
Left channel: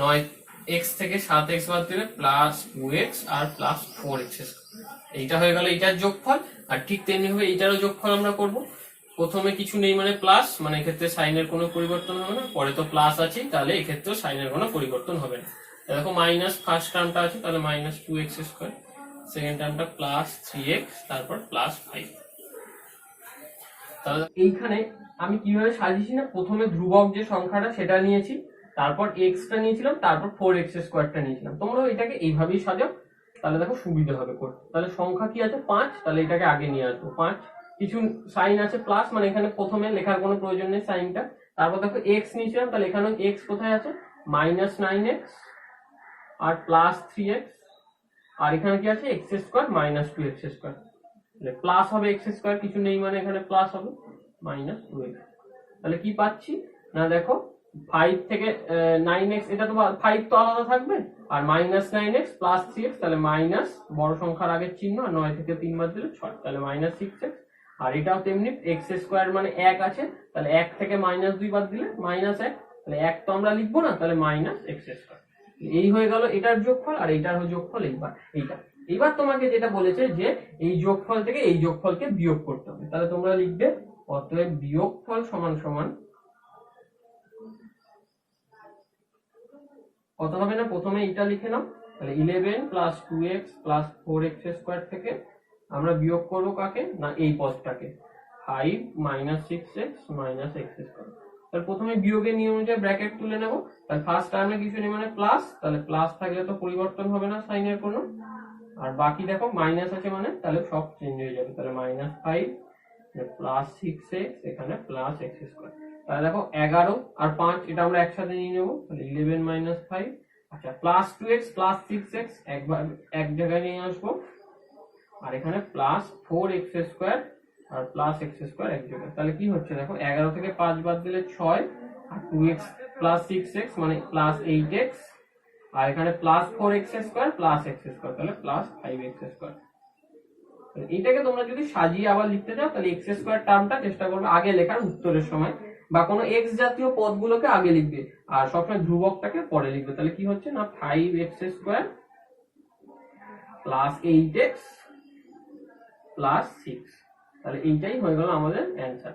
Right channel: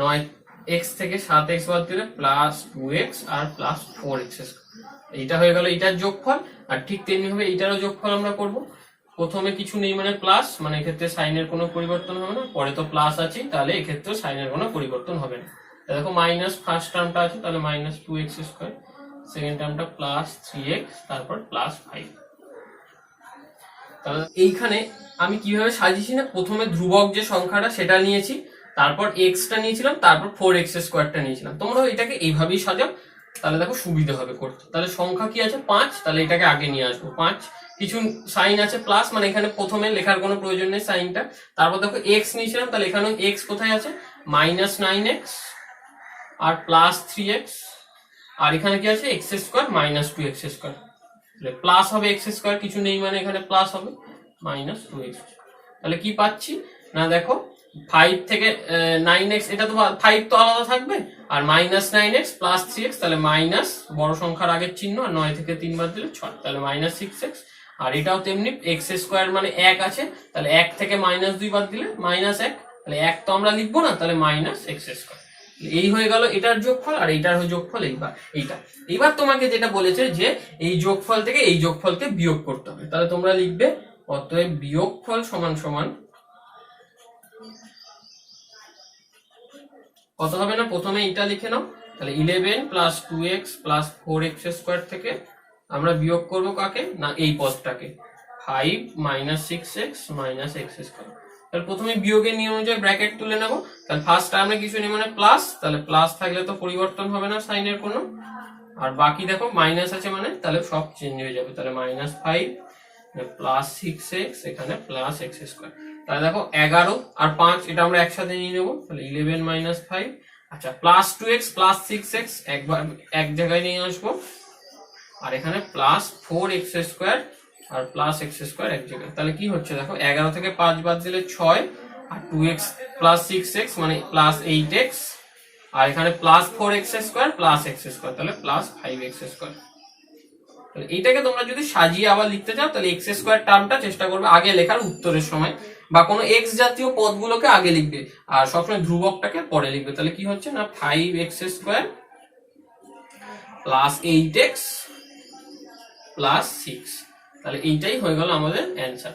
9x থেকে 7x বাদ দিলে +2x আর +4x²। এইটা হয়ে গেল এইটার যোগফল। আর ঠিক তেমনি ভাবে এইটারও যোগফল আমরা করব। প্রথমে কিছু নেই মানে প্লাস, মানে এক্ষেত্রে সাইনের কোনো পরিবর্তন হবে না, পরে তো প্লাস আছে, তাহলে এক্ষেত্রে সাইনের কোনো পরিবর্তন হবে না। দেখো মাইনাস ফার্স্ট টার্মটা আছে, তাহলে -2x², সেকেন্ড টার্মটা +3x, তারপর +5। তাহলে এইখানে আমি কিভাবে সাজিয়েছি না, প্রথমে ধ্রুবক যে সংখ্যাটা সেটা নিয়েছি, তারপর এক্সটা নিয়েছিলাম, তারপর 4x² নিয়েছিলাম। তোমরা এটাকে এইভাবেই সাজাও, তাহলে দেখো সুবিধা হবে করতে। তাহলে সংখ্যা কি আছে 5, তাহলে এটাকে আগে নিয়ে আসবো 5, কিছু সাইন আছে প্লাস, মানে এখানে প্রথমে লেখার কোনো প্রয়োজন নেই সাইনটা। তারপর দেখো এক্স নিয়েছিলাম, তাহলে এখানে এক্স কোথায় আছে, -9x আর +3x, আর এখানে কি আছে এক্স স্কোয়ার -2x স্কোয়ার, তাহলে প্লাস হবে এক্স স্কোয়ার, কিছু নেই মানে এখানে প্লাস হবে -2x। তাহলে কি পাচ্ছি না দেখো 5 থেকে 9x, এটা তো 5 তো আলাদা থাকবে, আর -9x +3x, তাহলে মাইনাস বড় সংখ্যার আগের চিহ্ন, আর 9 থেকে 3 বাদ দিলে 6, তাহলে -6x। আর এটাও তেমনি এক্স স্কোয়ার মানে 1 আছে, তাহলে 1 থেকে -2 বাদ দিলে -1, তাহলে 1 তো আমরা লিখবো না, তাহলে -x স্কোয়ার। এই হয়ে গেল এটার যোগফল, আর এইটার যোগফল এইটা। এইবার তোমাকে যেটা বলেছে যে এই যোগফল থেকে এই যোগফলকে বিয়োগ করতে হবে, তাহলে তোমরা লিখবে অতএব বিয়োগফল সমান সমান কত হবে না, প্রথমে এটা লিখে নাও, তাহলে 11 + 2x + 4x স্কোয়ার থেকে আমরা বিয়োগ করব কাকে না এই পদটাকে, 5 - 6x - x স্কোয়ার। তাহলে প্রথমে বিয়োগের নিয়ম অনুযায়ী ব্র্যাকেট তুলে নেব, তাহলে ফার্স্ট টার্মে কিছু নেই মানে প্লাস, তাহলে প্লাস থাকলে তো পরিবর্তন হবে না সাইনের কোনো, আর বাকি দেখো মাইনাস আছে মানে তাহলে সব চেঞ্জ হয়ে যাবে, তাহলে -5 + 6x এখানে +x স্কোয়ার। তাহলে দেখো 11 আর 5 এটা আমরা একসাথে নিয়ে নেব, তাহলে 11 - 5, আচ্ছা +2x + 6x একবার এক জায়গায় নিয়ে আসবো, আর এখানে +4x স্কোয়ার আর +x স্কোয়ার এক জায়গায়। তাহলে কি হচ্ছে দেখো 11 থেকে 5 বাদ দিলে 6, আর 2x + 6x মানে +8x, আর এখানে +4x স্কোয়ার +x স্কোয়ার, তাহলে +5x স্কোয়ার। এইটাকে তোমরা যদি সাজিয়ে আবার লিখতে চাও তাহলে x স্কোয়ার টার্মটা চেষ্টা করবে আগে লেখার উত্তরের সময়, বা কোনো x জাতীয় পদগুলোকে আগে লিখবে আর সবসময় ধ্রুবকটাকে পরে লিখবে। তাহলে কি হচ্ছে না 5x স্কোয়ার +8x +6, তাহলে এইটাই হয়ে গেল আমাদের অ্যান্সার।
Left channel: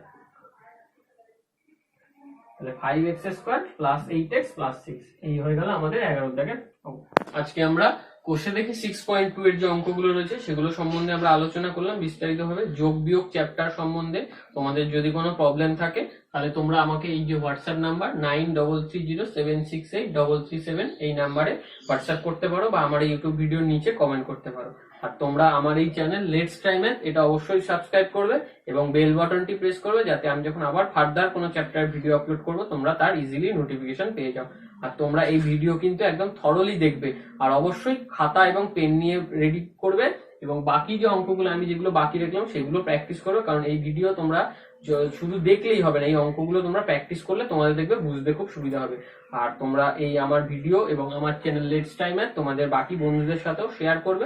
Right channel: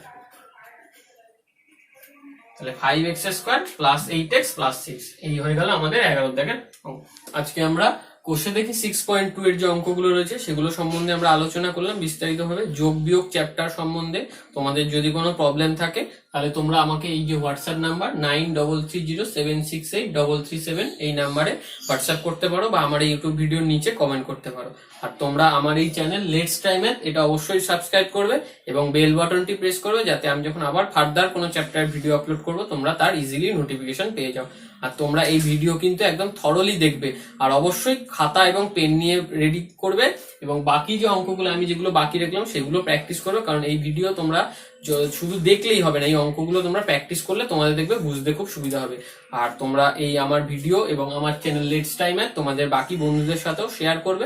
তাহলে 5x স্কোয়ার +8x +6 এই হয়ে গেল আমাদের 11 দাগের অঙ্ক। আজকে আমরা কোষে দেখি 6.2 এর যে অঙ্কগুলো রয়েছে সেগুলো সম্বন্ধে আমরা আলোচনা করলাম বিস্তারিতভাবে। যোগ বিয়োগ চ্যাপ্টার সম্বন্ধে তোমাদের যদি কোনো প্রবলেম থাকে তাহলে তোমরা আমাকে এই যে হোয়াটসঅ্যাপ নাম্বার 9330768337 এই নাম্বারে হোয়াটসঅ্যাপ করতে পারো, বা আমার এই ইউটিউব ভিডিওর নিচে কমেন্ট করতে পারো। আর তোমরা আমার এই চ্যানেল লেটস টাইম ম্যাথ এটা অবশ্যই সাবস্ক্রাইব করবে এবং বেল বাটনটি প্রেস করবে, যাতে আমি যখন আবার ফার্দার কোনো চ্যাপ্টার ভিডিও আপলোড করব তোমরা তার ইজিলি নোটিফিকেশন পেয়ে যাও। আর তোমরা এই ভিডিও কিন্তু একদম থরলি দেখবে, আর অবশ্যই খাতা এবং পেন নিয়ে রেডি করবে, এবং বাকি যে অঙ্কগুলো আমি যেগুলো বাকি রাখলাম সেগুলো প্র্যাকটিস করো, কারণ এই ভিডিও তোমরা শুধু দেখলেই হবে না, এই অঙ্কগুলো তোমরা প্র্যাকটিস করলে তোমাদের দেখবে বুঝতে খুব সুবিধা হবে। আর তোমরা এই আমার ভিডিও এবং আমার চ্যানেল লেটস টাইম তোমাদের বাকি বন্ধুদের সাথেও শেয়ার করবে।